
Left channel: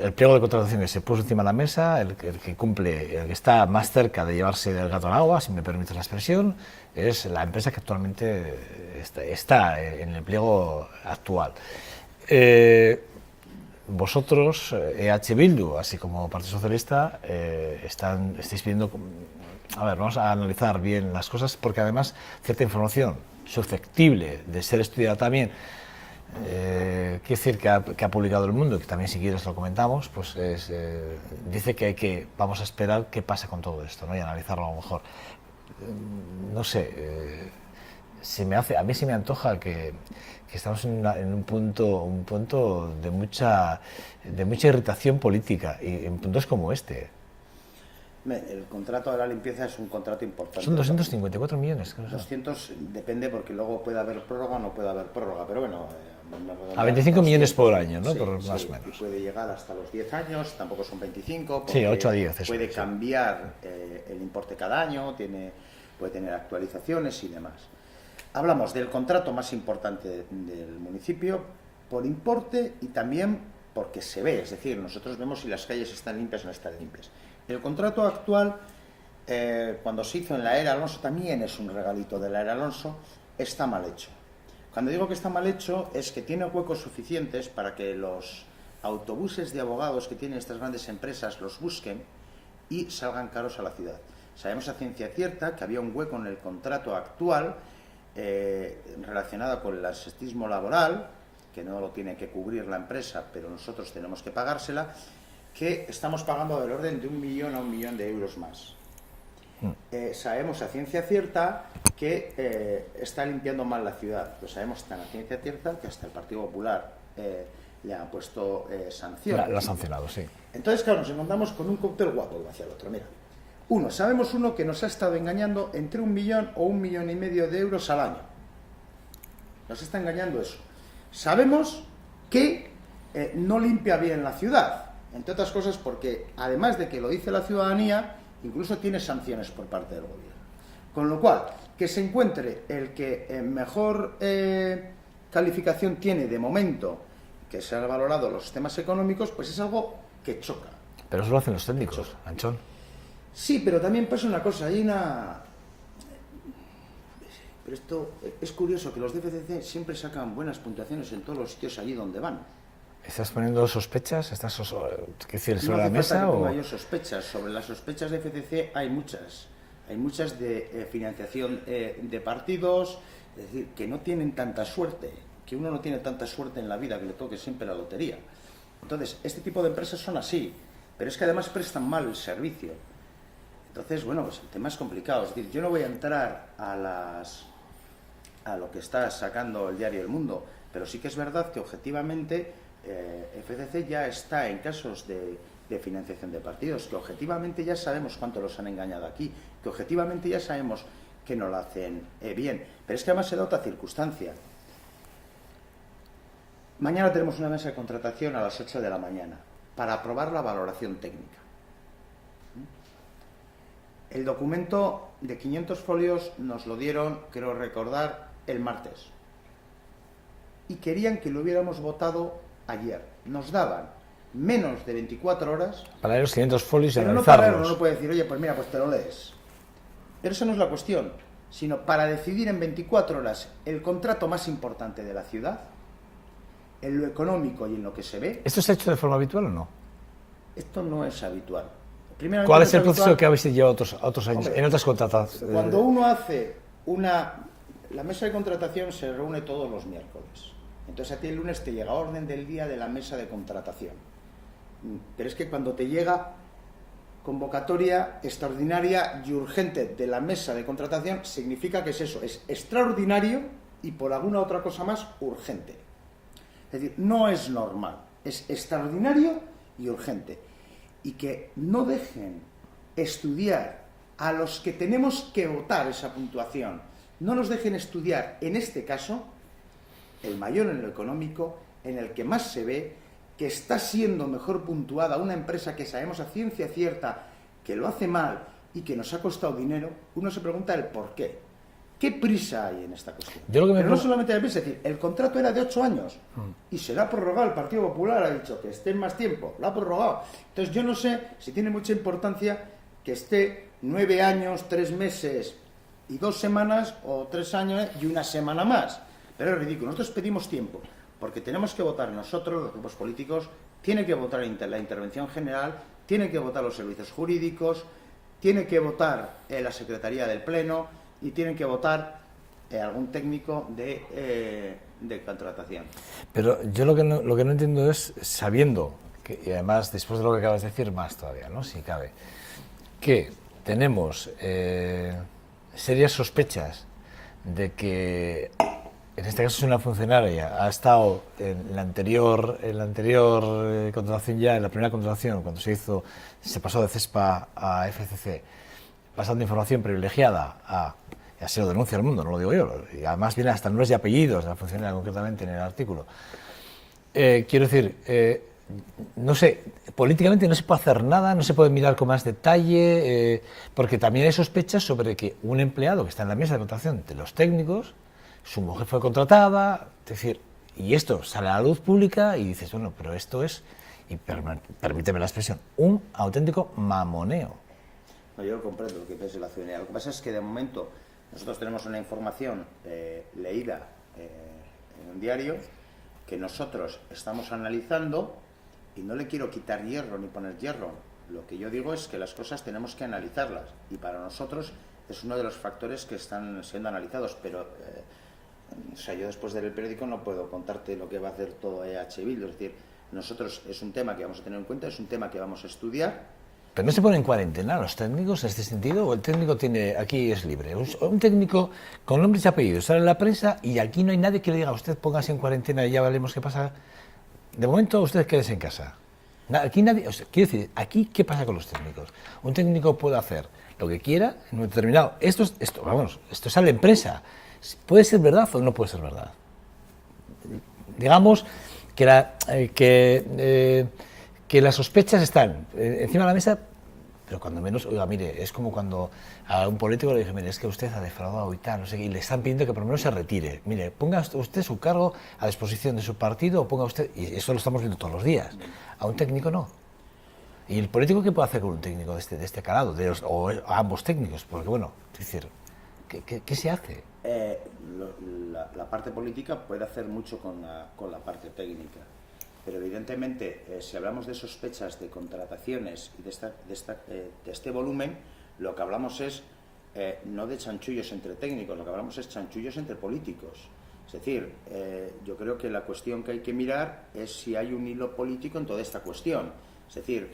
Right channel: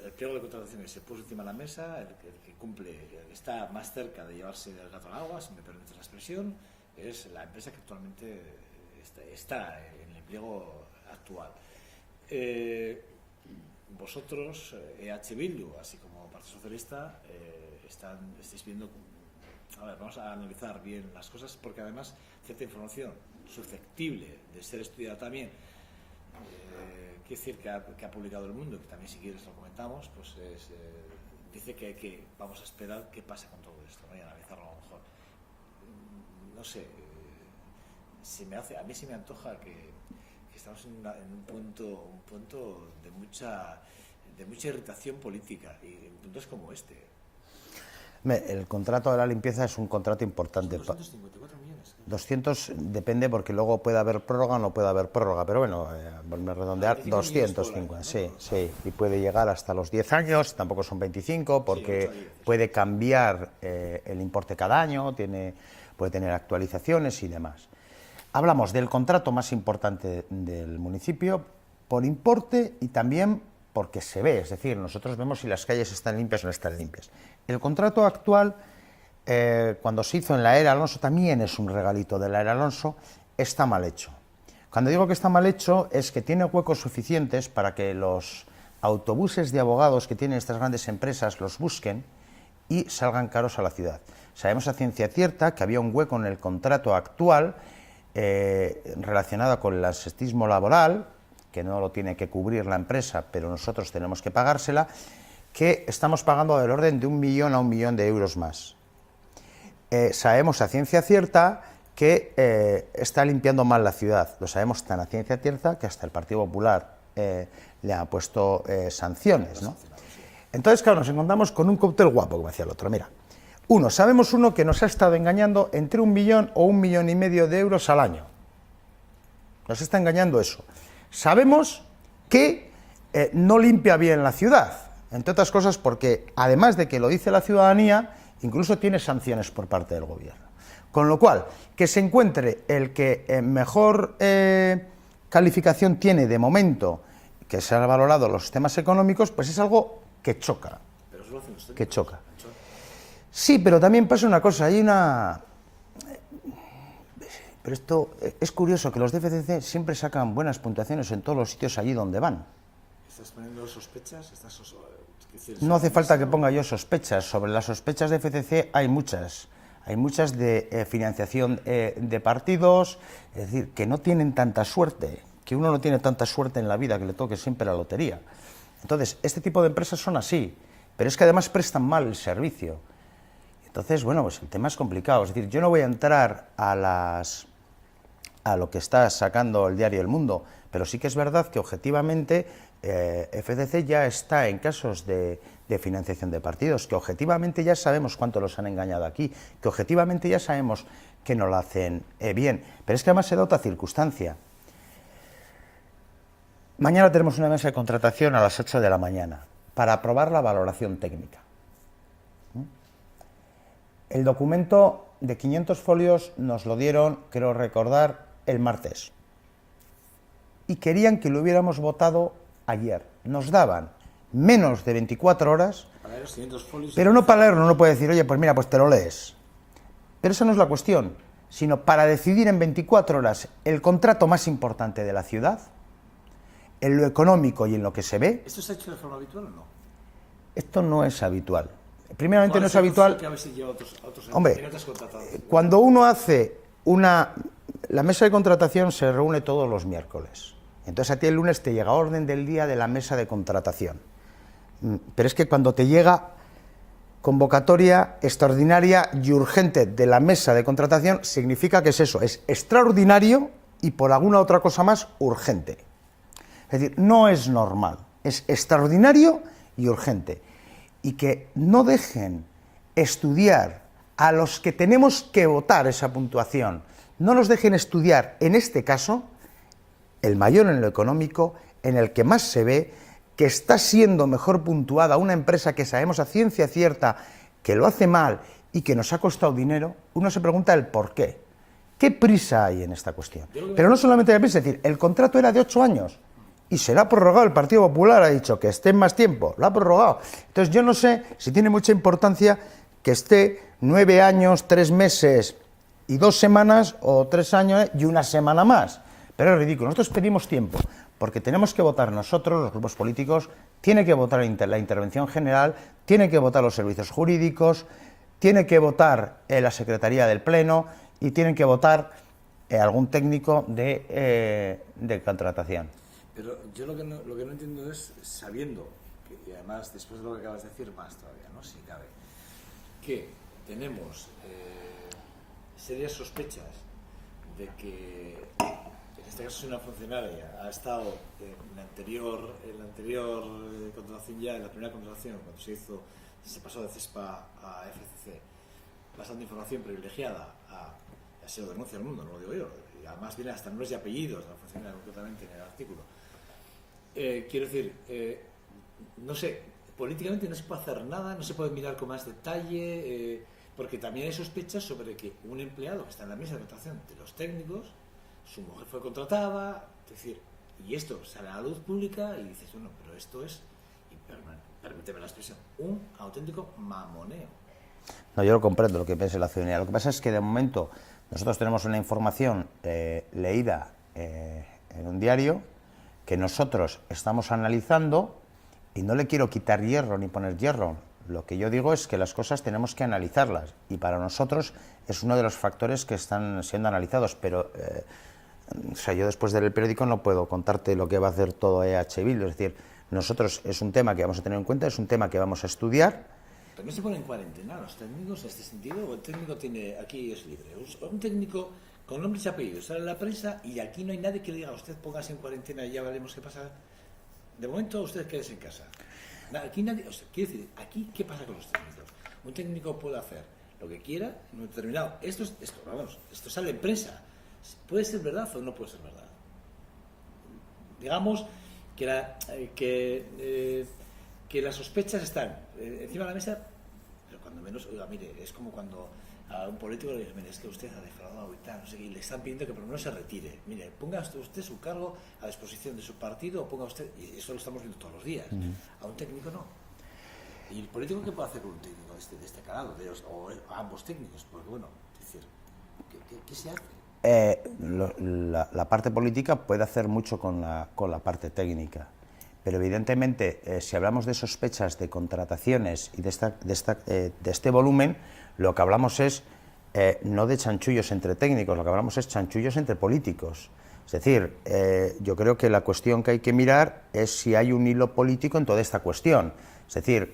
el pliego de contratación que se puso encima de la mesa, el que cumple, el que está más cerca de llevarse el gato al agua, si me permites la expresión, es la empresa que actualmente está en el pliego actual. Vosotros, EH Bildu, así como Partido Socialista, estáis pidiendo... A ver, vamos a analizar bien las cosas, porque además cierta información susceptible de ser estudiada también, quiere decir que ha publicado El Mundo, que también si quieres lo comentamos, pues dice que vamos a esperar qué pasa con todo esto, ¿no? Y analizarlo a lo mejor. No sé, a mí se me antoja que estamos en un punto de mucha irritación política, y en puntos como este. El contrato de la limpieza es un contrato importante. Son 254 millones. 200 depende, porque luego puede haber prórroga o no puede haber prórroga, pero bueno, a 25 millones por año, ¿no? Sí, Más sí, y puede llegar hasta los 10 años, tampoco son 25, porque sí, 8 a 10, puede cambiar el importe cada año, puede tener actualizaciones y demás. Hablamos del contrato más importante del municipio por importe y también porque se ve, es decir, nosotros vemos si las calles están limpias o no están limpias. El contrato actual, cuando se hizo en la era Alonso, también es un regalito de la era Alonso, está mal hecho. Cuando digo que está mal hecho, es que tiene huecos suficientes para que los autobuses de abogados que tienen estas grandes empresas los busquen y salgan caros a la ciudad. Sabemos a ciencia cierta que había un hueco en el contrato actual relacionado con el absentismo laboral, que no lo tiene que cubrir la empresa, pero nosotros tenemos que pagársela, que estamos pagando del orden de 1 millón a 1 millón de euros más. Sabemos a ciencia cierta que está limpiando mal la ciudad. Lo sabemos tan a ciencia cierta que hasta el Partido Popular le ha puesto sanciones. Lo ha sancionado, sí. Entonces, claro, nos encontramos con un cóctel guapo, como decía el otro. Mira, sabemos que nos ha estado engañando entre 1 millón o 1,5 millones de euros al año. Nos está engañando eso. Sabemos que no limpia bien la ciudad. Entre otras cosas porque, además de que lo dice la ciudadanía, incluso tiene sanciones por parte del gobierno. Con lo cual, que se encuentre el que mejor calificación tiene de momento, que se han valorado los sistemas económicos, pues es algo que choca. Pero eso lo hacen los técnicos, que choca. Anchón. Sí, pero también pasa una cosa, Pero esto es curioso, que los de FCC siempre sacan buenas puntuaciones en todos los sitios allí donde van. ¿Estás poniendo sospechas? No hace falta que ponga yo sospechas. Sobre las sospechas de FCC hay muchas. Hay muchas de financiación de partidos, es decir, que no tienen tanta suerte, que uno no tiene tanta suerte en la vida que le toque siempre la lotería. Entonces, este tipo de empresas son así, pero es que además prestan mal el servicio. Entonces, bueno, pues el tema es complicado. Es decir, yo no voy a entrar a lo que está sacando el diario El Mundo, pero sí que es verdad que objetivamente FCC ya está en casos de financiación de partidos, que objetivamente ya sabemos cuánto los han engañado aquí, que objetivamente ya sabemos que no lo hacen bien, pero es que además se da otra circunstancia. Mañana tenemos una mesa de contratación a las 8 de la mañana para aprobar la valoración técnica. El documento de 500 folios nos lo dieron, creo recordar, el martes. Y querían que lo hubiéramos votado ayer. Nos daban menos de 24 horas. Para leer los 500 folios. Pero no para leerlo, no puede decir, oye, pues mira, pues te lo lees. Pero esa no es la cuestión, sino para decidir en 24 horas el contrato más importante de la ciudad, en lo económico y en lo que se ve. ¿Esto se ha hecho de forma habitual o no? Esto no es habitual. Primeramente, ¿cuál es el proceso que habéis llevado otros años, en otras contrataciones? Cuando uno hace la mesa de contratación se reúne todos los miércoles. Entonces a ti el lunes te llega orden del día de la mesa de contratación. Pero es que cuando te llega convocatoria extraordinaria y urgente de la mesa de contratación, significa que es eso, es extraordinario y por alguna otra cosa más urgente. Es decir, no es normal, es extraordinario y urgente. Y que no dejen estudiar a los que tenemos que votar esa puntuación, no los dejen estudiar, en este caso, el mayor en lo económico, en el que más se ve que está siendo mejor puntuada una empresa que sabemos a ciencia cierta que lo hace mal y que nos ha costado dinero, uno se pregunta el por qué. ¿Qué prisa hay en esta cuestión? Pero no solamente hay prisa, es decir, el contrato era de 8 años y se lo ha prorrogado. El Partido Popular ha dicho que esté más tiempo, lo ha prorrogado. Entonces yo no sé si tiene mucha importancia que esté 9 años, 3 meses y 2 semanas, o 3 años y 1 semana más. Pero es ridículo. Nosotros pedimos tiempo, porque tenemos que votar nosotros, los grupos políticos, tiene que votar la intervención general, tiene que votar los servicios jurídicos, tiene que votar la Secretaría del Pleno y tienen que votar algún técnico de contratación. Pero yo lo que no entiendo es, sabiendo, y además después de lo que acabas de decir, más todavía, ¿no?, si cabe, que tenemos serias sospechas de que, en este caso es una funcionaria, ha estado en la anterior contratación ya, en la primera contratación, cuando se pasó de CESPA a FCC, pasando información privilegiada a... Así lo denuncia el mundo, no lo digo yo, y además viene hasta nombres y apellidos de la funcionaria concretamente en el artículo. Quiero decir, no sé, políticamente no se puede hacer nada, no se puede mirar con más detalle, porque también hay sospechas sobre que un empleado que está en la mesa de contratación de los técnicos, su mujer fue contratada, es decir, y esto sale a la luz pública y dices, bueno, pero esto es, y permíteme la expresión, un auténtico mamoneo. No, yo lo comprendo lo que piensa la ciudadanía. Lo que pasa es que de momento nosotros tenemos una información leída en un diario que nosotros estamos analizando, y no le quiero quitar hierro ni poner hierro. Lo que yo digo es que las cosas tenemos que analizarlas, y para nosotros es uno de los factores que están siendo analizados, pero o sea, yo después del periódico no puedo contarte lo que va a hacer todo EH Bildu. Es decir, nosotros es un tema que vamos a tener en cuenta, es un tema que vamos a estudiar. ¿Pero no se ponen en cuarentena los técnicos en este sentido? ¿O el técnico aquí es libre? Un técnico con nombres y apellidos sale en la prensa y aquí no hay nadie que le diga a usted póngase en cuarentena y ya veremos qué pasa. De momento usted quédese en casa. Aquí nadie, o sea, quiero decir, aquí ¿qué pasa con los técnicos? Un técnico puede hacer lo que quiera en un determinado... Esto sale en prensa. ¿Puede ser verdad o no puede ser verdad? Digamos que las sospechas están encima de la mesa, pero cuando menos, oiga, mire, es como cuando a un político le dije, mire, es que usted ha defraudado y tal, no sé qué, y le están pidiendo que por lo menos se retire. Mire, ponga usted su cargo a disposición de su partido, o ponga usted, y eso lo estamos viendo todos los días, a un técnico no. ¿Y el político qué puede hacer con un técnico de este calado, o a ambos técnicos? Porque bueno, es decir, ¿qué se hace? La parte política puede hacer mucho con la parte técnica. Pero evidentemente, si hablamos de sospechas de contrataciones y de este volumen, lo que hablamos es no de chanchullos entre técnicos, lo que hablamos es chanchullos entre políticos. Es decir, yo creo que la cuestión que hay que mirar es si hay un hilo político en toda esta cuestión. Es decir,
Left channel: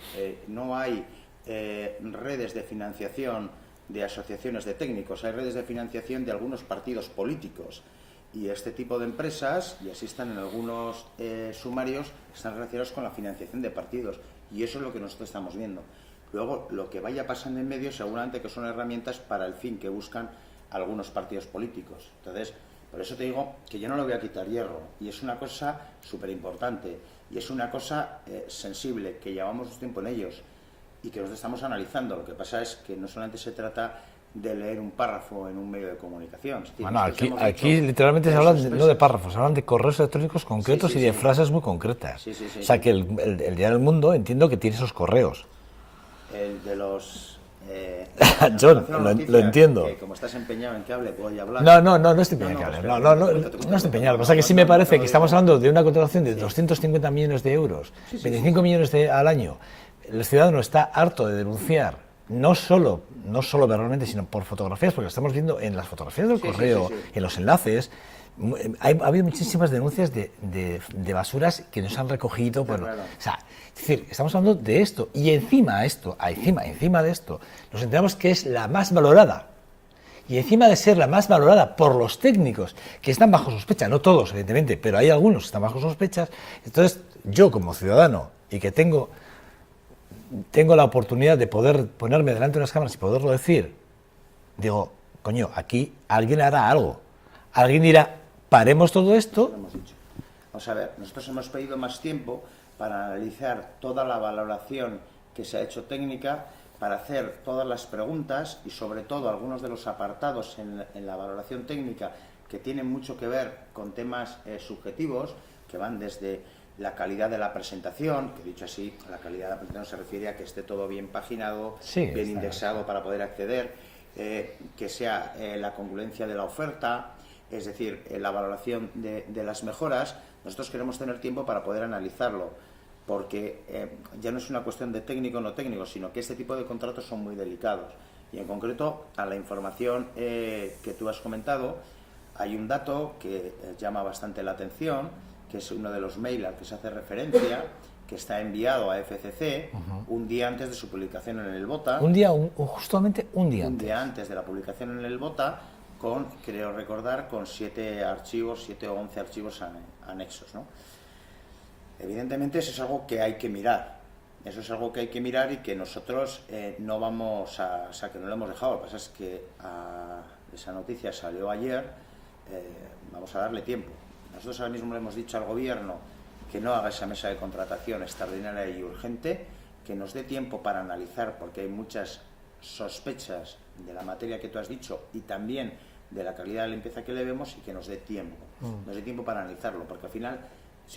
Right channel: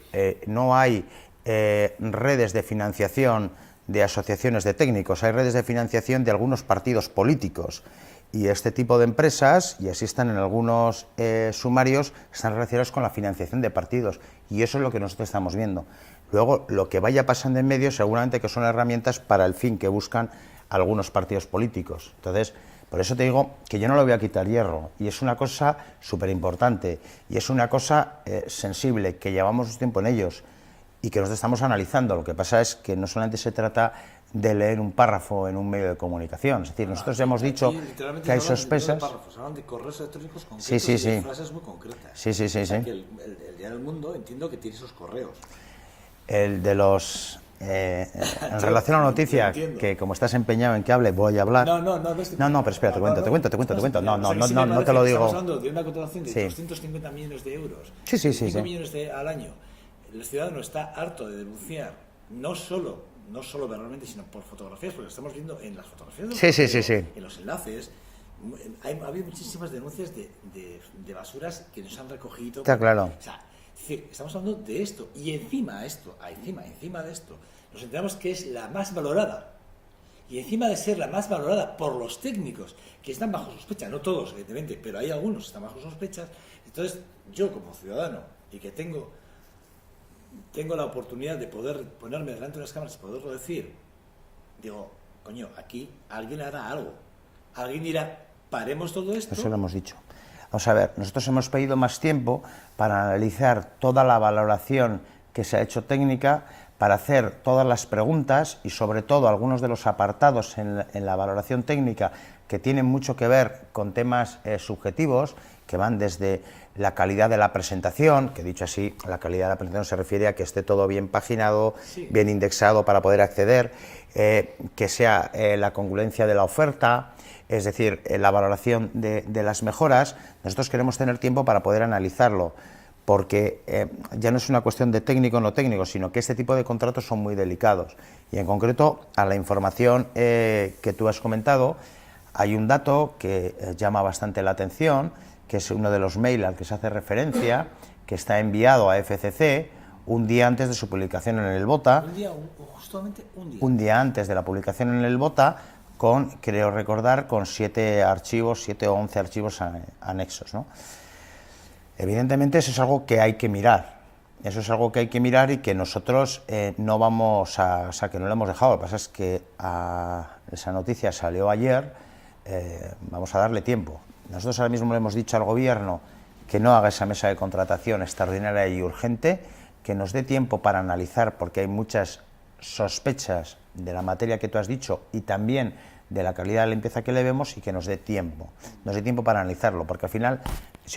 no hay redes de financiación de asociaciones de técnicos, hay redes de financiación de algunos partidos políticos. Y este tipo de empresas, y así están en algunos sumarios, están relacionados con la financiación de partidos. Y eso es lo que nosotros estamos viendo. Luego, lo que vaya pasando en medio, seguramente que son herramientas para el fin que buscan algunos partidos políticos. Entonces, por eso te digo que yo no le voy a quitar hierro. Y es una cosa súper importante. Y es una cosa sensible, que llevamos tiempo en ellos y que nosotros estamos analizando. Lo que pasa es que no solamente se trata de leer un párrafo en un medio de comunicación. Es decir, nosotros hemos dicho aquí literalmente se hablan no de párrafos, hablan de correos electrónicos concretos y de frases muy concretas. O sea, que el Diario del Mundo entiendo que tiene esos correos. El de los... en relación a una noticia que como estás empeñado en que hable, voy a hablar... No estoy empeñado. No, pero espera, te cuento. O sea, que sí me parece que estamos hablando de una contratación de 250 millones de euros, 5 millones al año. El ciudadano está harto de denunciar, no solo verbalmente, sino por fotografías, porque estamos viendo en las fotografías del correo, en los enlaces, ha habido muchísimas denuncias de basuras que nos han recogido. Está claro. O sea, es decir, estamos hablando de esto, y encima de esto, nos enteramos que es la más valorada. Y encima de ser la más valorada por los técnicos, que están bajo sospecha, no todos, evidentemente, pero hay algunos que están bajo sospechas, entonces yo como ciudadano, y que tengo la oportunidad de poder ponerme delante de unas cámaras y poderlo decir, digo, coño, aquí alguien hará algo. Alguien dirá, paremos todo esto. Eso lo hemos dicho. Vamos a ver, nosotros hemos pedido más tiempo para analizar toda la valoración que se ha hecho técnica, para hacer todas las preguntas y sobre todo algunos de los apartados en la valoración técnica que tienen mucho que ver con temas subjetivos, que van desde la calidad de la presentación, que dicho así, la calidad de la presentación se refiere a que esté todo bien paginado, sí, bien indexado para poder acceder, que sea la congruencia de la oferta, es decir, la valoración de las mejoras. Nosotros queremos tener tiempo para poder analizarlo, porque ya no es una cuestión de técnico o no técnico, sino que este tipo de contratos son muy delicados. Y en concreto, a la información que tú has comentado, hay un dato que llama bastante la atención, que es uno de los mails al que se hace referencia, que está enviado a FCC un día antes de su publicación en el BOTA. Justamente un día. Un día antes de la publicación en el BOTA, con, creo recordar, con 7 o 11 archivos anexos, ¿no? Evidentemente eso es algo que hay que mirar. Eso es algo que hay que mirar y que nosotros no vamos a... O sea, que no lo hemos dejado. Lo que pasa es que esa noticia salió ayer, vamos a darle tiempo. Nosotros ahora mismo le hemos dicho al Gobierno que no haga esa mesa de contratación extraordinaria y urgente, que nos dé tiempo para analizar, porque hay muchas sospechas de la materia que tú has dicho y también de la calidad de limpieza que le vemos, y que nos dé tiempo. Nos dé tiempo para analizarlo, porque al final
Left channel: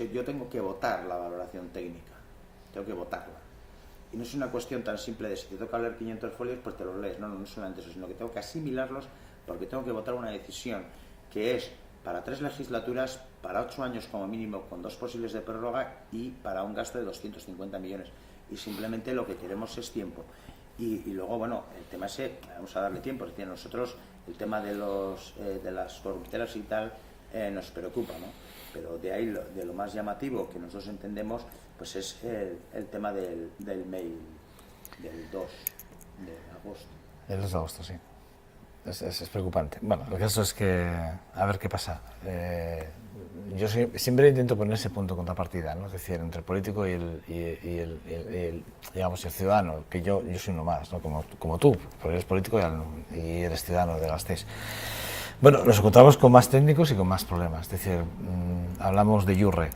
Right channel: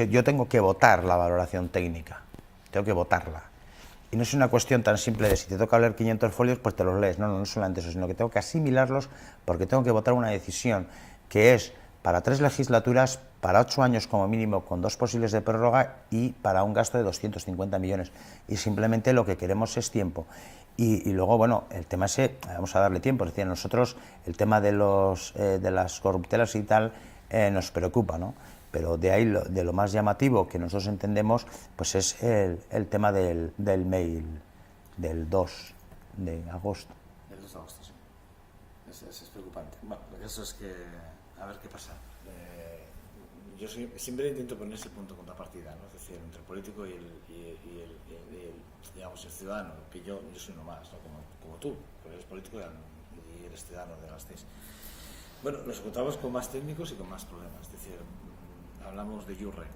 yo tengo que votar la valoración técnica, tengo que votarla. Y no es una cuestión tan simple de si te toca leer 500 folios, pues te los lees. No, no es solamente eso, sino que tengo que asimilarlos, porque tengo que votar una decisión que es para 3 legislaturas, para 8 años como mínimo, con 2 posibles de prórroga y para un gasto de 250 millones. Y simplemente lo que queremos es tiempo. Y luego, bueno, el tema ese, vamos a darle tiempo. Es decir, a nosotros el tema de las corruptelas y tal nos preocupa, ¿no? Pero de ahí, de lo más llamativo que nosotros entendemos, pues es el tema del mail del 2 de agosto. El 2 de agosto, sí. Es preocupante. Bueno, lo que eso es que, a ver qué pasa. Yo siempre intento poner ese punto de contrapartida, ¿no? Es decir, entre el político y el ciudadano, que yo soy uno más, ¿no? Como tú, porque eres político y eres ciudadano de Gasteiz. Bueno, nos encontramos con más técnicos y con más problemas. Es decir, hablamos de IURRE.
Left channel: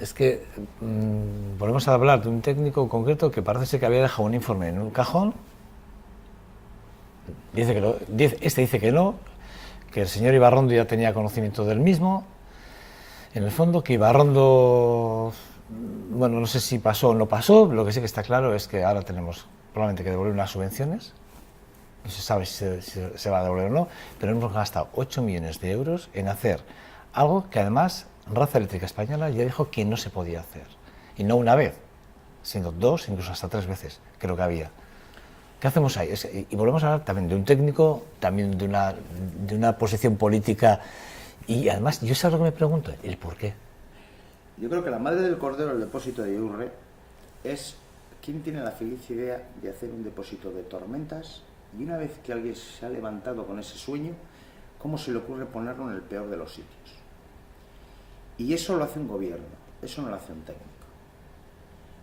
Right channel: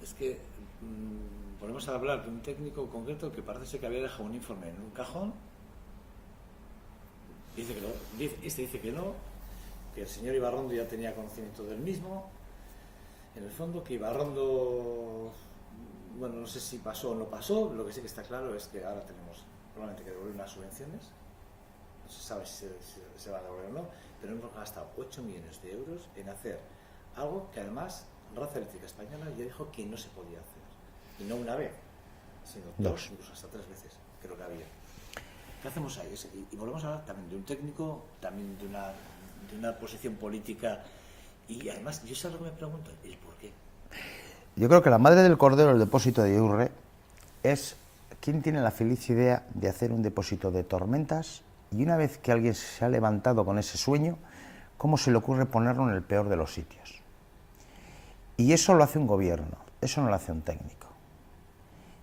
Es que volvemos a hablar de un técnico concreto que parece ser que había dejado un informe en un cajón. Dice que no, que el señor Ibarrondo ya tenía conocimiento del mismo. En el fondo, que Ibarrondo, bueno, no sé si pasó o no pasó. Lo que sí que está claro es que ahora tenemos probablemente que devolver unas subvenciones. No se sabe si se va a devolver o no, pero hemos gastado 8 millones de euros en hacer algo que además Red Eléctrica Española ya dijo que no se podía hacer. Y no una vez, sino 2, incluso hasta 3 veces, creo que había. ¿Qué hacemos ahí? Y volvemos a hablar también de un técnico, también de una posición política. Y además, yo sé lo que me pregunto, el por qué. Yo creo que la madre del cordero del depósito de IURRE es quien tiene la feliz idea de hacer un depósito de tormentas, y una vez que alguien se ha levantado con ese sueño, ¿cómo se le ocurre ponerlo en el peor de los sitios? Y eso lo hace un gobierno, eso no lo hace un técnico.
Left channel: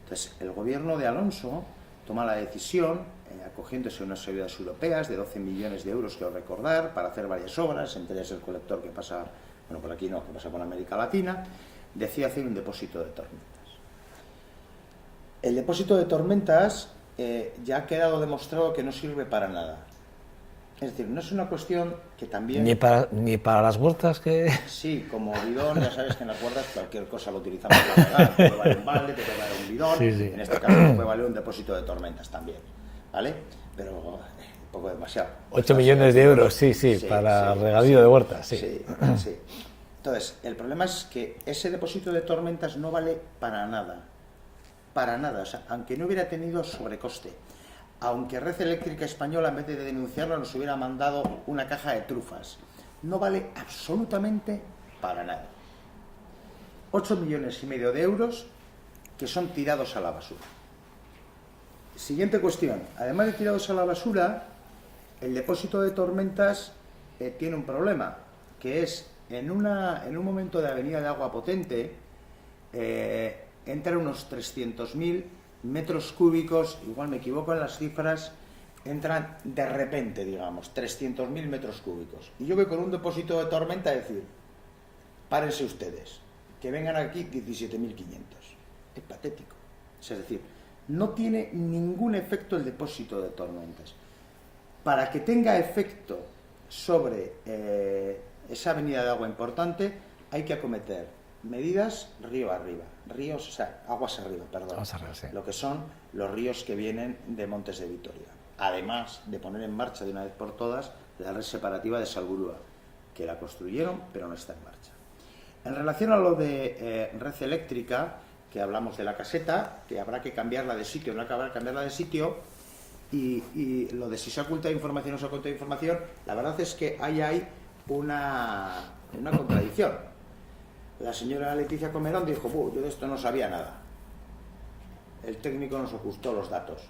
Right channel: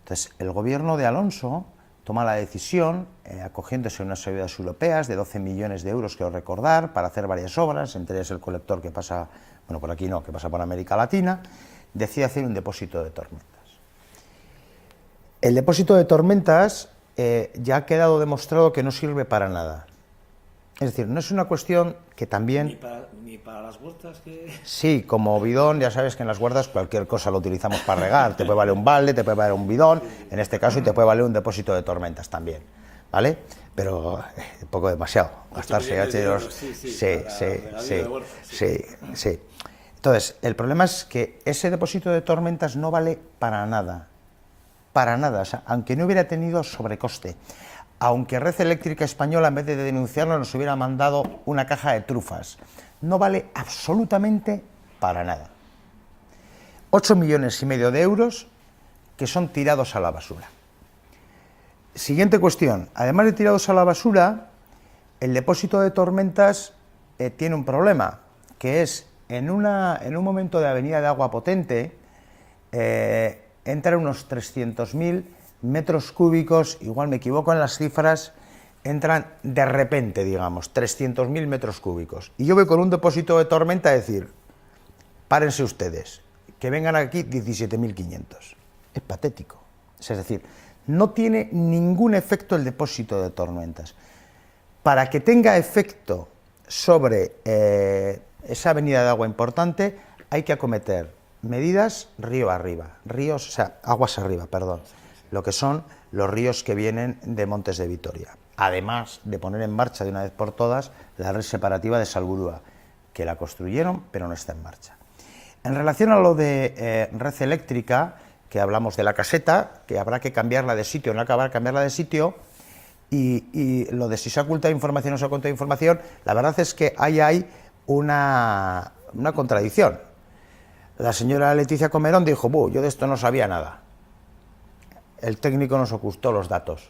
Entonces, el gobierno de Alonso toma la decisión, acogiéndose a unas ayudas europeas de 12 millones de euros, quiero recordar, para hacer varias obras, entre ellas el colector que pasa, bueno, por aquí no, que pasa por América Latina, decide hacer un depósito de tormentas. El depósito de tormentas ya ha quedado demostrado que no sirve para nada. Es decir, no es una cuestión que también... Ni para las huertas que... Sí, como bidón, ya sabes que en las huertas cualquier cosa lo utilizamos para regar. Te puede valer un balde, te puede valer un bidón, sí, sí. En este caso te puede valer un depósito de tormentas también, ¿vale? Pero un poco demasiado. 8 millones de euros, sí, para regadío de huertas. Sí. Entonces, el problema es que ese depósito de tormentas no vale para nada. Para nada, o sea, aunque no hubiera tenido sobrecoste. Aunque Red Eléctrica Española, en vez de denunciarlo, nos hubiera mandado una caja de trufas. No vale absolutamente para nada. 8,5 millones de euros que son tirados a la basura. Siguiente cuestión. Además de tirados a la basura, el depósito de tormentas tiene un problema, que es en un momento de avenida de agua potente, entran unos 300.000 metros cúbicos, igual me equivoco en las cifras, entran de repente, digamos, 300.000 metros cúbicos. Y yo voy con un depósito de tormenta a decir, párense ustedes, que vengan aquí 17.500. Es patético. Es decir, no tiene ningún efecto el depósito de tormentas. Para que tenga efecto sobre esa avenida de agua importante, hay que acometer medidas río arriba, ríos, o sea, aguas arriba, perdón, Aguas arriba, sí. lo que son los ríos que vienen de Montes de Vitoria. Además de poner en marcha de una vez por todas la red separativa de Salburúa, que la construyeron pero no está en marcha. En relación a lo de red eléctrica, que hablamos de la caseta, que habrá que cambiarla de sitio, no acabar de cambiarla de sitio, y lo de si se ha ocultado información o no se ha ocultado información, la verdad es que ahí hay una contradicción. La señora Leticia Comerón dijo, yo de esto no sabía nada. El técnico nos ocultó los datos.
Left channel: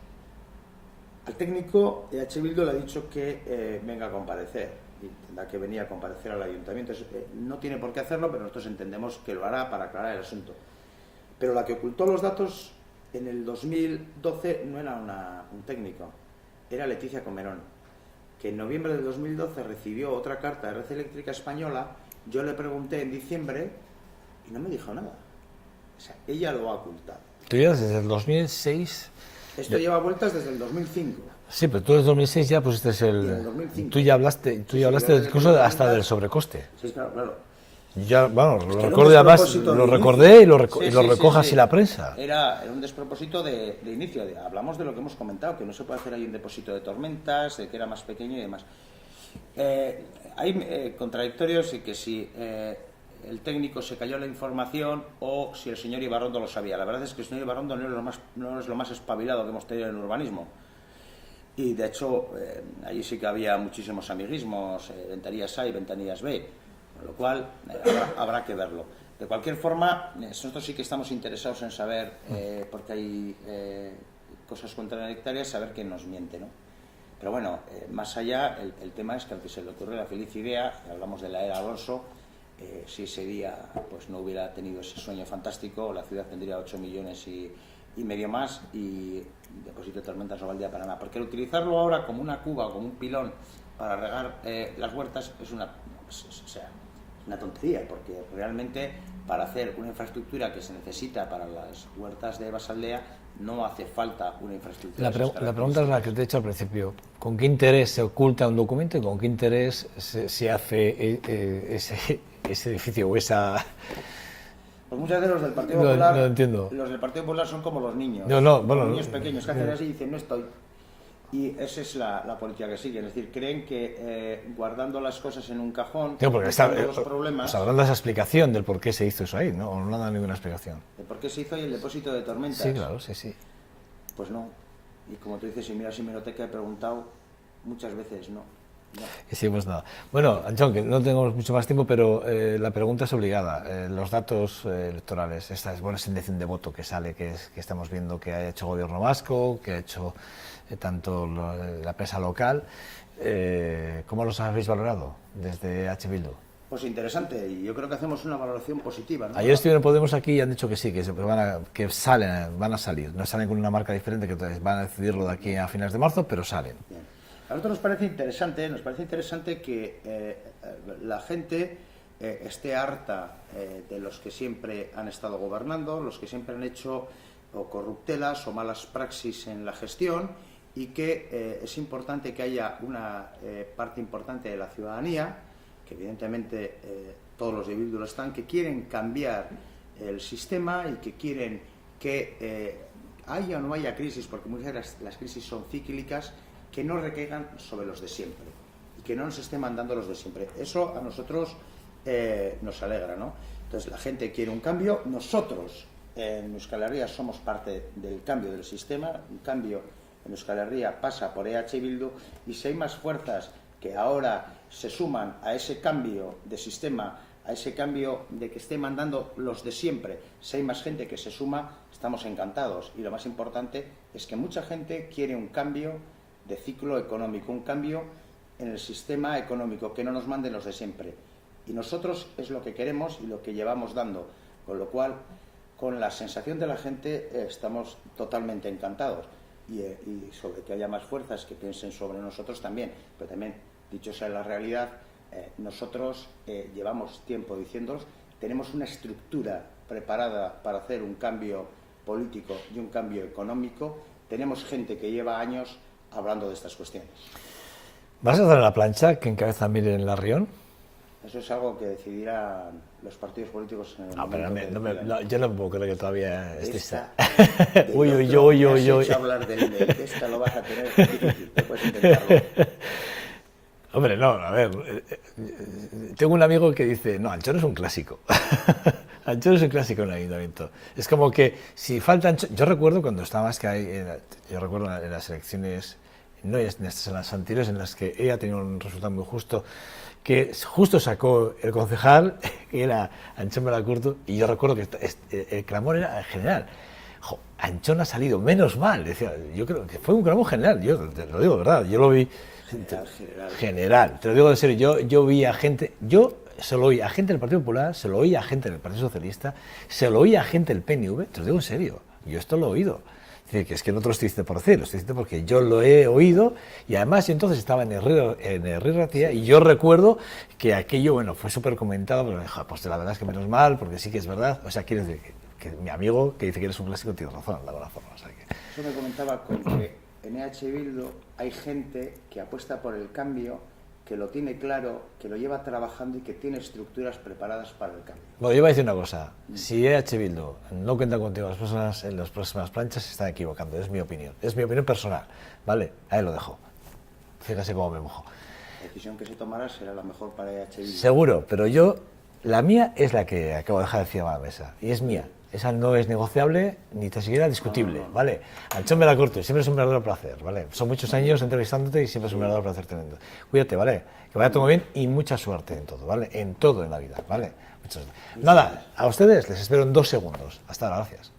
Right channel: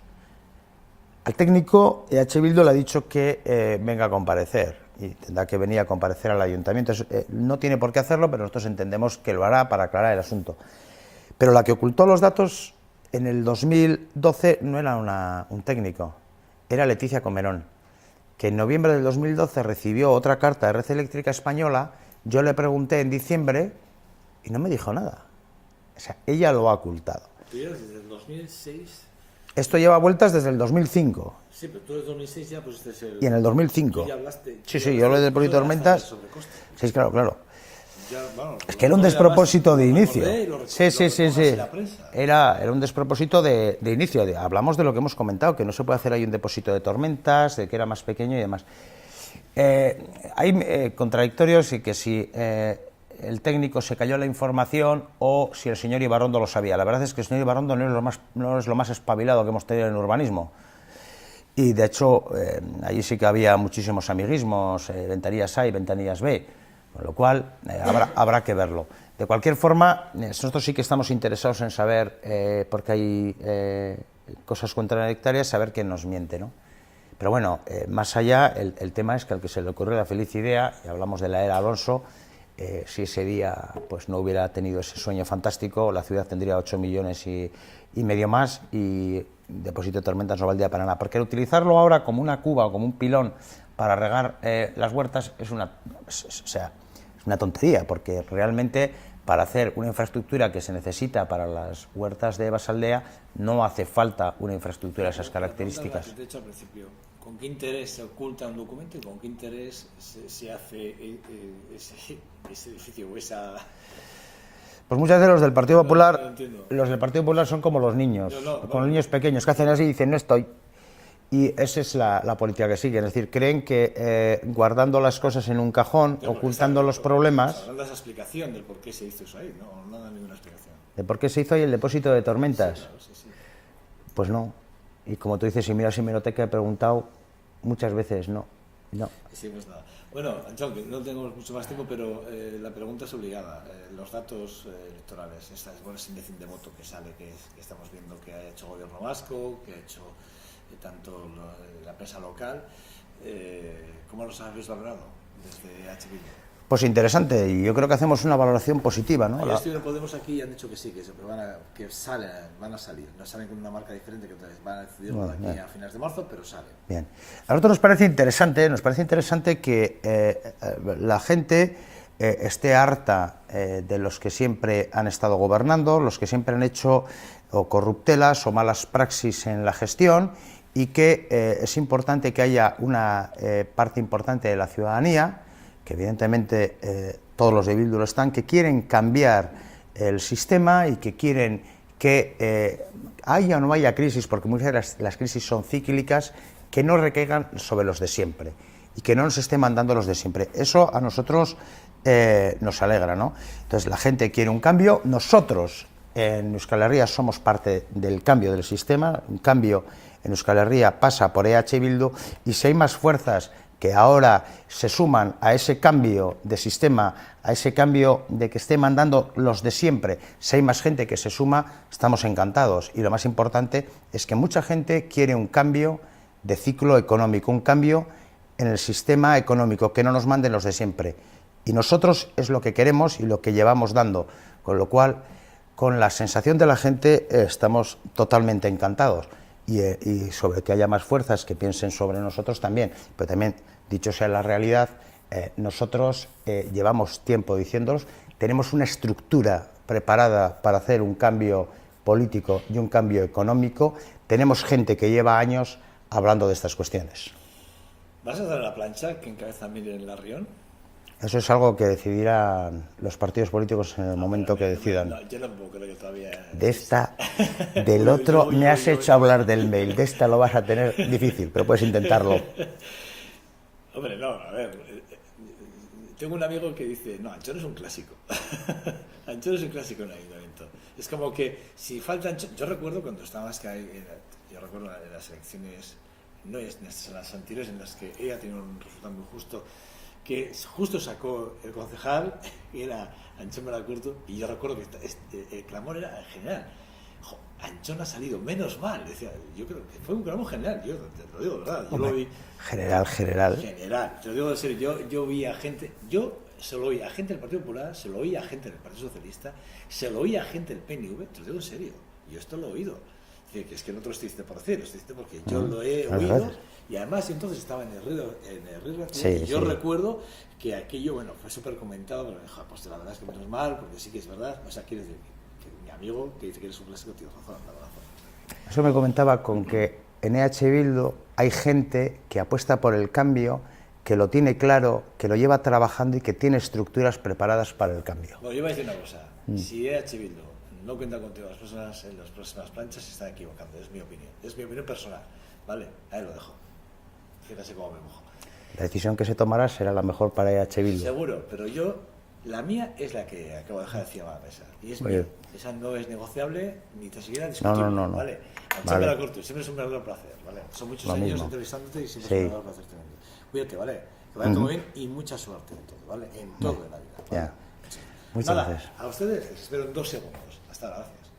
Al técnico, EH Bildu le ha dicho que venga a comparecer, y tendrá que venir a comparecer al ayuntamiento. No tiene por qué hacerlo, pero nosotros entendemos que lo hará para aclarar el asunto. Pero la que ocultó los datos en el 2012 no era un técnico, era Leticia Comerón, que en noviembre del 2012 recibió otra carta de Red Eléctrica Española. Yo le pregunté en diciembre y no me dijo nada. O sea, ella lo ha ocultado. Tú llevas desde el 2006... Esto lleva vueltas desde el 2005. Sí, pero tú en el 2006 ya pusiste el... Y en el 2005. Tú ya hablaste, Sí, yo hablé del incluso hasta tormentas, del sobrecoste. Sí, claro. Ya, bueno, Es que era un despropósito de inicio. Recordé y lo recojas en la prensa. Era un despropósito de inicio. Hablamos de lo que hemos comentado, que no se puede hacer ahí un depósito de tormentas, de que era más pequeño y demás. Hay contradictorios y que si el técnico se cayó la información o si el señor Ibarrondo lo sabía. La verdad es que el señor Ibarrondo no es lo más espabilado que hemos tenido en urbanismo. Y de hecho, allí sí que había muchísimos amiguismos, ventanillas A y ventanillas B, con lo cual habrá que verlo. De cualquier forma, nosotros sí que estamos interesados en saber, porque hay cosas contradictorias, saber quién nos miente, ¿no? Pero bueno, más allá, el tema es que al que se le ocurrió la feliz idea, y hablamos de la era Alonso, si ese día pues no hubiera tenido ese sueño fantástico, la ciudad tendría 8 millones y medio más, y depósito de tormentas no valdría para nada. Porque utilizarlo ahora como una cuba o como un pilón para regar las huertas es una tontería, porque realmente para hacer una infraestructura que se necesita para las huertas de Basaldea no hace falta una infraestructura de esas características. La pregunta es la que te he hecho al principio. ¿Con qué interés se oculta un documento y con qué interés se hace ese edificio o esa...? Pues muchas veces los del Partido Popular, no entiendo. Los del Partido Popular son como los niños, los niños pequeños que hacen así y dicen no estoy. Y esa es la política que siguen, es decir, creen que guardando las cosas en un cajón, ocultando los problemas... Habrá esa explicación del por qué se hizo eso ahí, ¿no? No da ninguna explicación. ¿De por qué se hizo ahí el depósito de tormentas? Sí, claro, sí. Pues no. Y como tú dices, si miras hemeroteca, he preguntado muchas veces, no. Hicimos nada. Bueno, Antxon, que no tenemos mucho más tiempo, pero la pregunta es obligada. Los datos electorales, esta es buena intención de voto que sale, que estamos viendo que ha hecho el gobierno vasco, que ha hecho tanto la prensa local, ¿cómo los habéis valorado desde EH Bildu? Pues interesante, y yo creo que hacemos una valoración positiva, ¿no? Ayer estuvieron Podemos aquí y han dicho que sí, que van a salir, no salen con una marca diferente, que van a decidirlo de aquí a finales de marzo, pero salen. Bien. A nosotros nos parece interesante que la gente esté harta de los que siempre han estado gobernando, los que siempre han hecho o corruptelas o malas praxis en la gestión, y que es importante que haya una parte importante de la ciudadanía, que evidentemente todos los de Bildu lo están, que quieren cambiar el sistema y que quieren que haya o no haya crisis, porque muchas veces las crisis son cíclicas, que no recaigan sobre los de siempre y que no nos estén mandando los de siempre. Eso a nosotros nos alegra, ¿no? Entonces la gente quiere un cambio, nosotros en Euskal Herria somos parte del cambio del sistema, un cambio en Euskal Herria pasa por EH Bildu, y si hay más fuerzas que ahora se suman a ese cambio de sistema, a ese cambio de que esté mandando los de siempre, si hay más gente que se suma, estamos encantados. Y lo más importante es que mucha gente quiere un cambio de ciclo económico, un cambio en el sistema económico, que no nos manden los de siempre. Y nosotros es lo que queremos y lo que llevamos dando, con lo cual, con la sensación de la gente, estamos totalmente encantados. Y sobre que haya más fuerzas que piensen sobre nosotros también, pero también, dicho sea la realidad, nosotros llevamos tiempo diciéndolos, tenemos una estructura preparada para hacer un cambio político y un cambio económico, tenemos gente que lleva años hablando de estas cuestiones. ¿Vas a dar la plancha que encabeza Miren Larrión? Eso es algo que decidirán los partidos políticos en el momento que decidan. Yo no puedo creer que todavía... De esta, del otro, me has hecho hablar del mail, de esta lo vas a tener difícil, pero puedes intentarlo. Hombre, no, a ver, tengo un amigo que dice, no, Anchón es un clásico. Anchón es un clásico en el ayuntamiento. Es como que si falta Anchón... Yo recuerdo cuando estaba yo recuerdo en las elecciones, no en las anteriores, en las que ella tenía un resultado muy justo, que justo sacó el concejal, que era Anchón Melacurto, y yo recuerdo que el clamor era general. Jo, Anchón ha salido, menos mal. Decía, yo creo que fue un clamor general, yo te lo digo de verdad, yo lo vi... General, te lo digo en serio, yo vi a gente, yo se lo oí a gente del Partido Popular, se lo oí a gente del Partido Socialista, se lo oí a gente del PNV, te lo digo en serio, yo esto lo he oído. Es decir, que es que no te lo estoy diciendo por decir, lo estoy diciendo porque yo lo he oído, y además yo entonces estaba en el Río Ratía, y yo recuerdo que aquello, bueno, fue súper comentado, pero pues la verdad es que menos mal, porque sí que es verdad, o sea, quiero decir que mi amigo que dice que eres un clásico tiene razón, de alguna forma. O sea, que... Eso me comentaba con que en EH Bildu hay gente que apuesta por el cambio, que lo tiene claro, que lo lleva trabajando y que tiene estructuras preparadas para el cambio. Bueno, yo iba a decir una cosa, si EH Bildu no cuenta contigo en las próximas planchas, se están equivocando, es mi opinión personal, ¿vale? Ahí lo dejo, fíjate cómo me mojo. La decisión que se tomará será la mejor para EH Bildu. Seguro, pero la mía es la que acabo de dejar encima de la mesa, y es mía. Esa no es negociable ni tan siquiera discutible, no. ¿vale? Anchón Melacurto, siempre es un verdadero placer, ¿vale? Son muchos años entrevistándote y siempre es un verdadero placer tremendo. Cuídate, ¿vale? Que vaya todo muy bien y mucha suerte en todo, ¿vale? En todo en la vida, ¿vale? Muchas gracias. Nada, a ustedes les espero en 2 segundos. Hasta ahora, gracias.